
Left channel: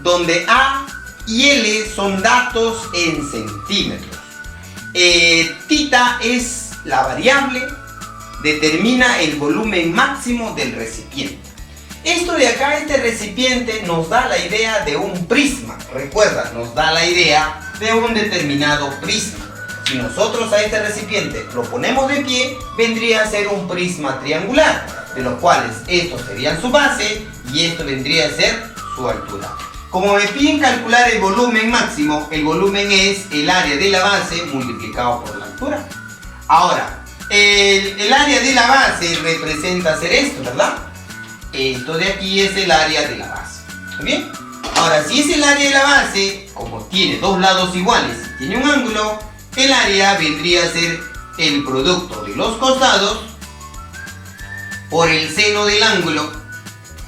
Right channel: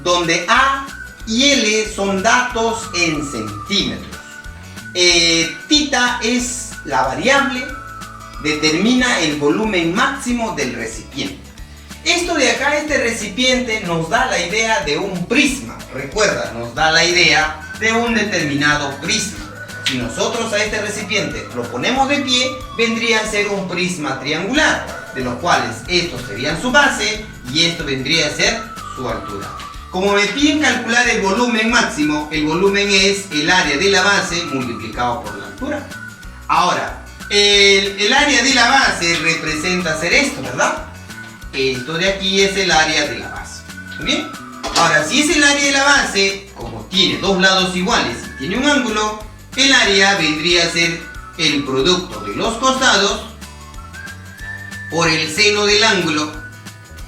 donde A y L son datos en centímetros. Tita es la variable, determina el volumen máximo del recipiente. Esto de acá, este recipiente, nos da la idea de un prisma. Recuerda, nos da la idea de un determinado prisma. Si nosotros a este recipiente lo ponemos de pie, vendría a ser un prisma triangular, de los cuales estos serían su base y esto vendría a ser su altura. Como me piden calcular el volumen máximo, el volumen es el área de la base multiplicado por la altura. Ahora, el área de la base representa ser esto, ¿verdad? Esto de aquí es el área de la base. ¿Muy bien? Ahora, si es el área de la base, como tiene dos lados iguales y tiene un ángulo, el área vendría a ser el producto de los costados por el seno del ángulo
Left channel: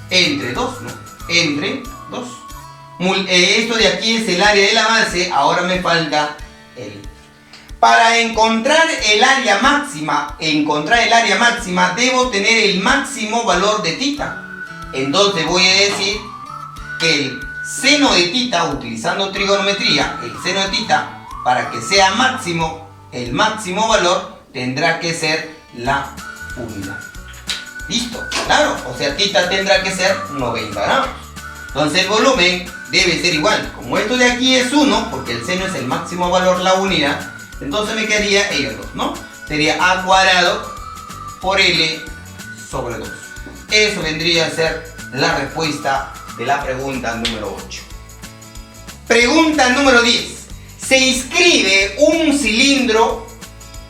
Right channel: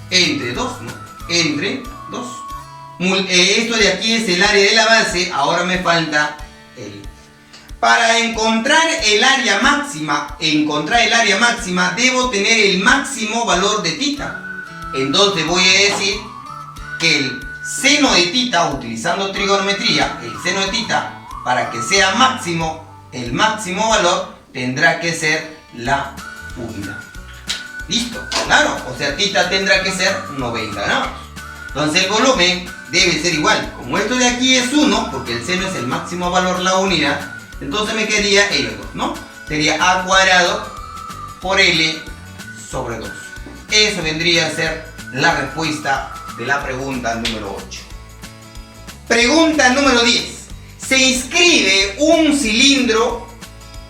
entre 2, ¿no? Entre 2. Esto de aquí es el área de la base, ahora me falta el. Para encontrar el área máxima, debo tener el máximo valor de tita. Entonces voy a decir que el seno de tita, utilizando trigonometría, el seno de tita, para que sea máximo, el máximo valor tendrá que ser la unidad. ¿Listo? Claro, o sea, tita tendrá que ser 90 grados. Entonces el volumen debe ser igual. Como esto de aquí es 1, porque el seno es el máximo valor, la unidad, entonces me quedaría ellos dos, ¿no? Sería a cuadrado por L sobre 2. Eso vendría a ser la respuesta de la pregunta número 8. Pregunta número 10. Se inscribe un cilindro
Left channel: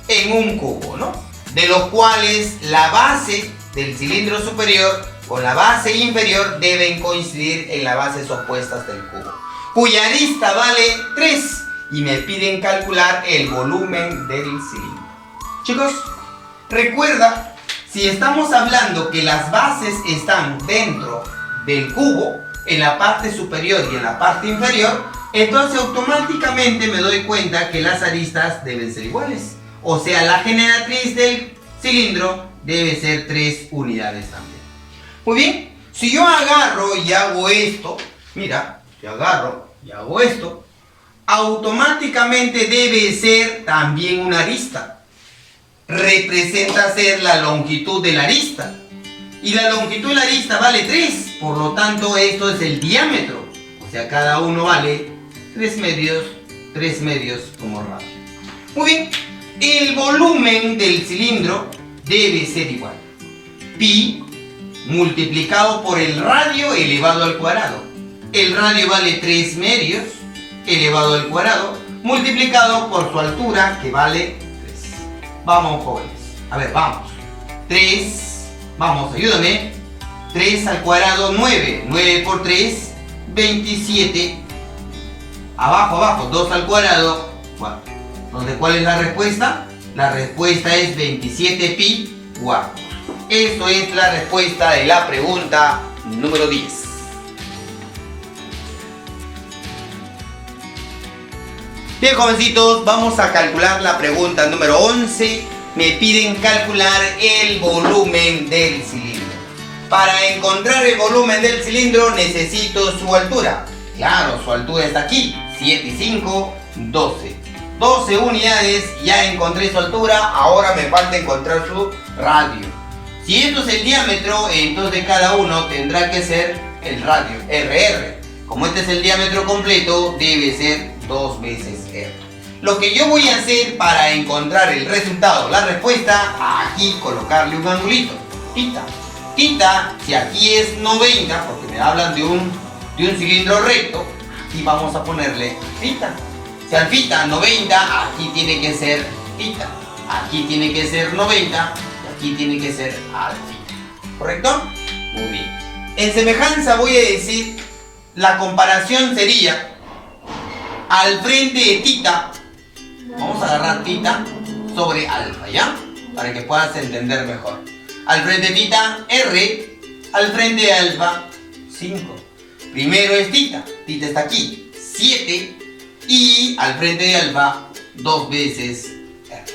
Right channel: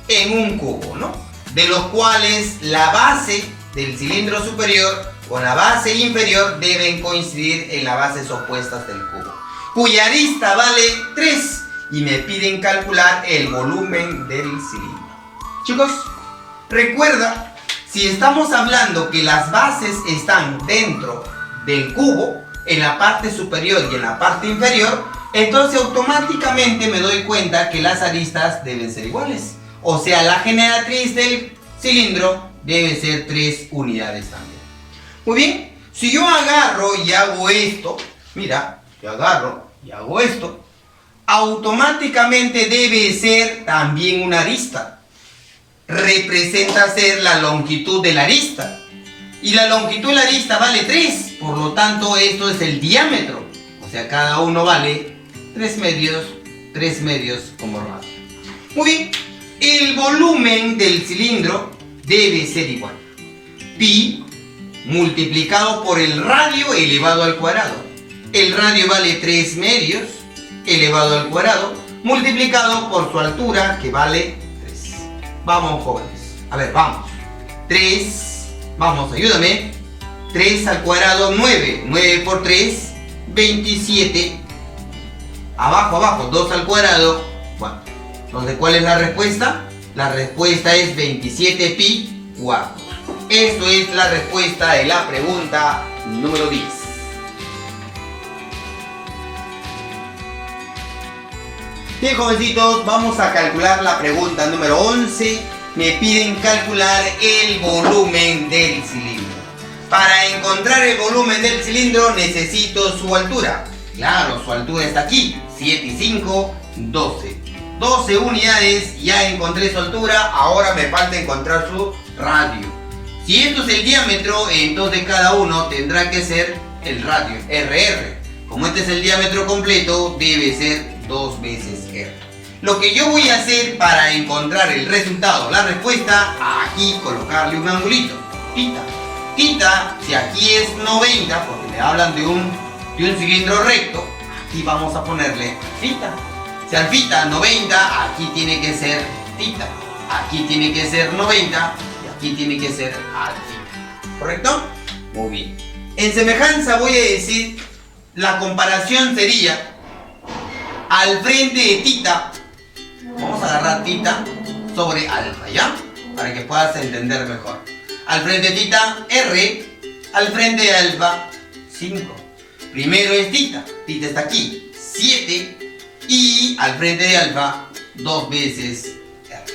en un cubo, ¿no? De los cuales la base del cilindro superior con la base inferior deben coincidir en las bases opuestas del cubo, cuya arista vale 3 y me piden calcular el volumen del cilindro. Chicos, recuerda, si estamos hablando que las bases están dentro del cubo, en la parte superior y en la parte inferior, entonces automáticamente me doy cuenta que las aristas deben ser iguales. O sea, la generatriz del cilindro debe ser 3 unidades también. Muy bien, si yo agarro y hago esto, mira, yo agarro y hago esto, automáticamente debe ser también una arista. Representa ser la longitud de la arista. Y la longitud de la arista vale 3, por lo tanto esto es el diámetro. O sea, cada uno vale 3 medios como radio. Muy bien, el volumen del cilindro debe ser igual. Pi multiplicado por el radio elevado al cuadrado. El radio vale 3 medios elevado al cuadrado multiplicado por su altura, que vale 3. Vamos, jóvenes. A ver, vamos. 3, vamos, ayúdame. 3 al cuadrado, 9. 9 por 3, 27. Abajo, 2 al cuadrado, 4. Entonces, ¿cuál es la respuesta? La respuesta es 27 pi cuartos. Esto es la respuesta de la pregunta número 10. Bien, jovencitos, vamos a calcular la pregunta número 11. Me piden calcular el volumen del cilindro. Para encontrar el volumen del cilindro necesito su altura. Claro, su altura está aquí, 7 y 5, 12. 12 unidades, ya encontré su altura, ahora me falta encontrar su radio. Si esto es el diámetro, entonces cada uno tendrá que ser el radio, RR. Como este es el diámetro completo, debe ser 2 veces R. Lo que yo voy a hacer para encontrar el resultado, la respuesta, aquí colocarle un angulito, tita. Tita, si aquí es 90, porque me hablan de un cilindro recto, aquí vamos a ponerle tita. Si al tita 90, aquí tiene que ser tita. Aquí tiene que ser 90 y aquí tiene que ser alfa. ¿Correcto? Muy bien. En semejanza voy a decir, la comparación sería al frente de tita, vamos a agarrar tita sobre alfa, ¿ya? Para que puedas entender mejor. Al frente de tita, R, al frente de alfa, 5. Primero es tita, tita está aquí, 7, y al frente de alfa, 2 veces R.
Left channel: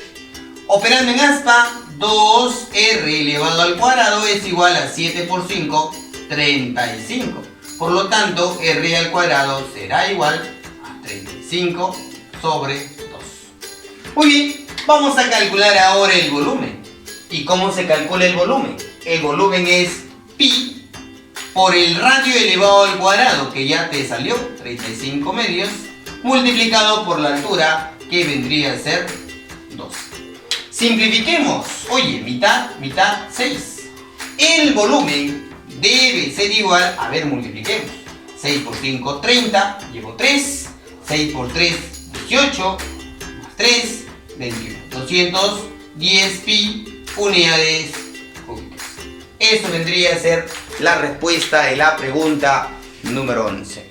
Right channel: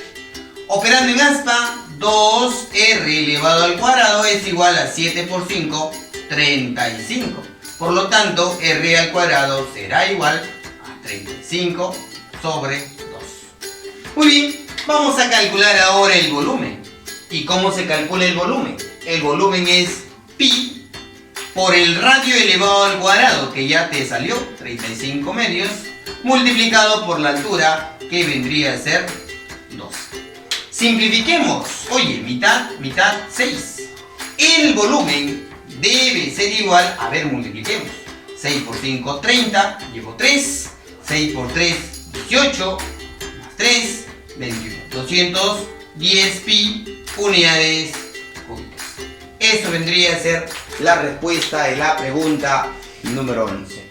Operando en aspa, 2R elevado al cuadrado es igual a 7 por 5, 35. Por lo tanto, R al cuadrado será igual a 35 sobre 2. Muy bien, vamos a calcular ahora el volumen. ¿Y cómo se calcula el volumen? El volumen es pi por el radio elevado al cuadrado, que ya te salió, 35 medios, multiplicado por la altura, que vendría a ser 2. Simplifiquemos. Oye, mitad, 6. El volumen debe ser igual, a ver, multipliquemos. 6 por 5, 30, llevo 3. 6 por 3, 18, más 3, 21. 210 pi unidades cúbicas. Eso vendría a ser la respuesta de la pregunta número 11.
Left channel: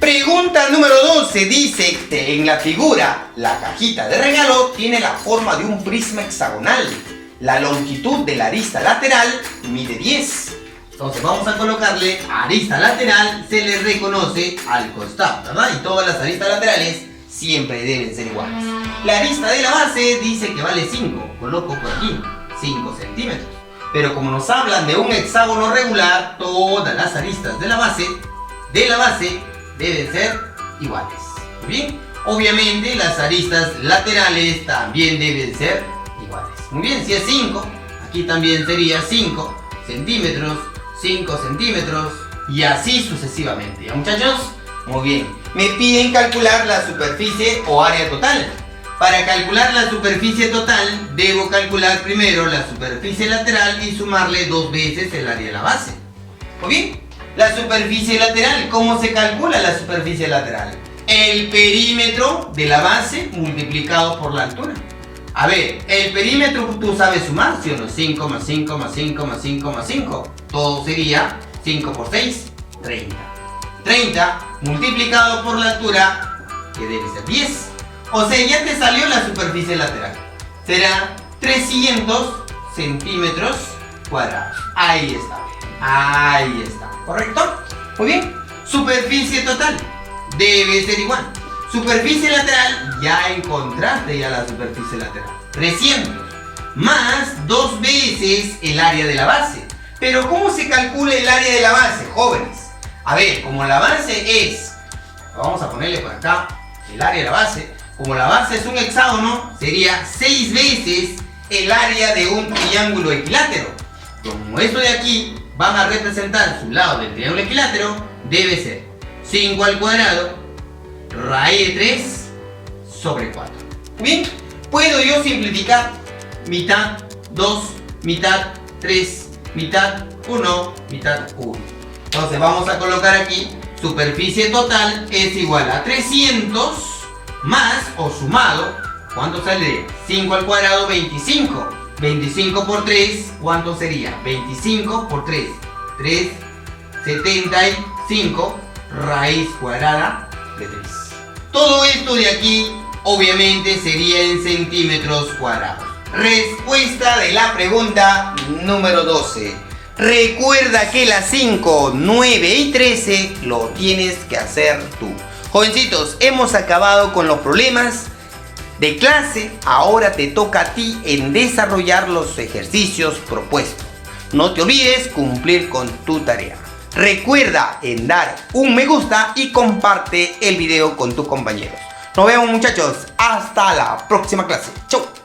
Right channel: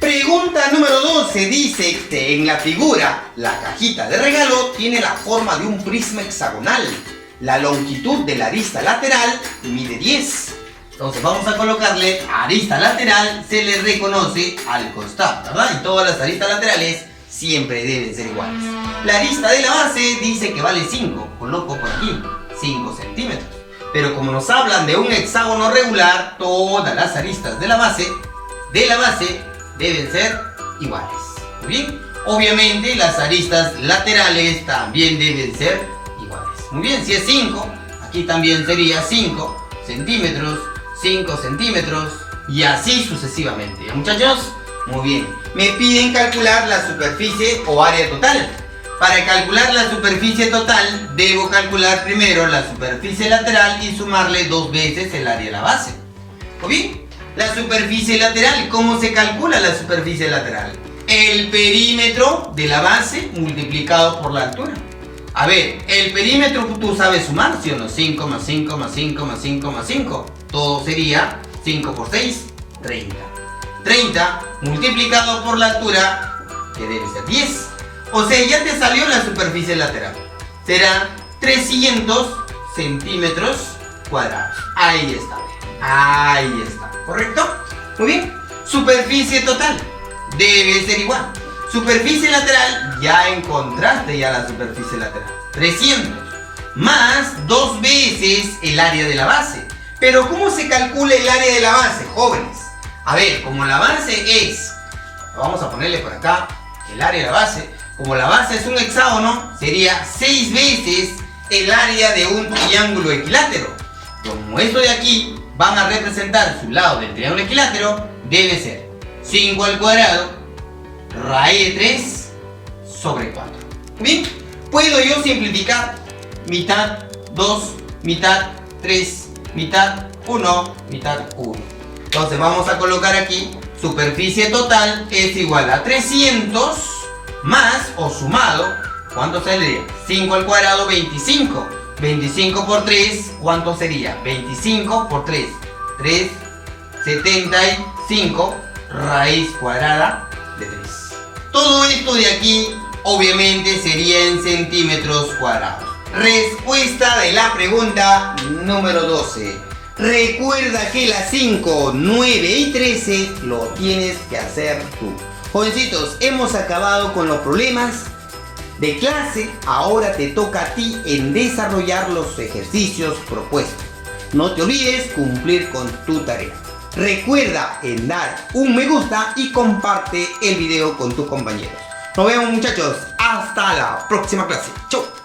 Pregunta número 12 dice que en la figura, la cajita de regalo tiene la forma de un prisma hexagonal. La longitud de la arista lateral mide 10. Entonces vamos a colocarle arista lateral, se le reconoce al costado, ¿verdad? Y todas las aristas laterales siempre deben ser iguales. La arista de la base dice que vale 5, coloco por aquí 5 centímetros. Pero como nos hablan de un hexágono regular, todas las aristas de la base deben ser iguales. Muy bien. Obviamente las aristas laterales también deben ser iguales. Muy bien, si es 5, aquí también sería 5 centímetros, 5 centímetros y así sucesivamente. ¿Ya, muchachos? Muy bien. Me piden calcular la superficie o área total. Para calcular la superficie total, debo calcular primero la superficie lateral y sumarle 2 veces el área de la base. Muy bien. La superficie lateral, ¿cómo se calcula la superficie lateral? El perímetro de la base multiplicado por la altura. A ver, el perímetro tú sabes sumar, ¿sí o no? 5 más 5 más 5 más 5 más 5. Todo sería 5 por 6, 30. 30 multiplicado por la altura, que debe ser 10. O sea, ya te salió la superficie lateral. Será 300 centímetros cuadrados. Ahí está. Ahí está. ¿Correcto? Muy bien. Superficie total debe ser igual. Superficie lateral, ya encontraste ya la superficie lateral. 300 más 2 veces el área de la base. Pero ¿cómo se calcula el área de la base, jóvenes? A ver, como la base es, vamos a ponerle por acá el área de la base. Como la base es un hexágono, sería 6 veces el área de un triángulo equilátero. Como esto de aquí van a representar su lado del triángulo equilátero, debe ser 5 al cuadrado raíz de 3 sobre 4. Bien, puedo yo simplificar mitad 2, mitad 3, mitad 1, mitad 1. Entonces vamos a colocar aquí superficie total es igual a 300 más o sumado, ¿cuánto saldría? 5 al cuadrado, 25. 25 por 3, ¿cuánto sería? 25 por 3, 3, 75 raíz cuadrada de 3. Todo esto de aquí obviamente sería en centímetros cuadrados, Respuesta de la pregunta número 12. Recuerda que las 5, 9 y 13 lo tienes que hacer tú. Jovencitos, hemos acabado con los problemas de clase. Ahora te toca a ti en desarrollar los ejercicios propuestos. No te olvides cumplir con tu tarea. Recuerda en dar un me gusta y comparte el video con tus compañeros. Nos vemos, muchachos. Hasta la próxima clase. Chau.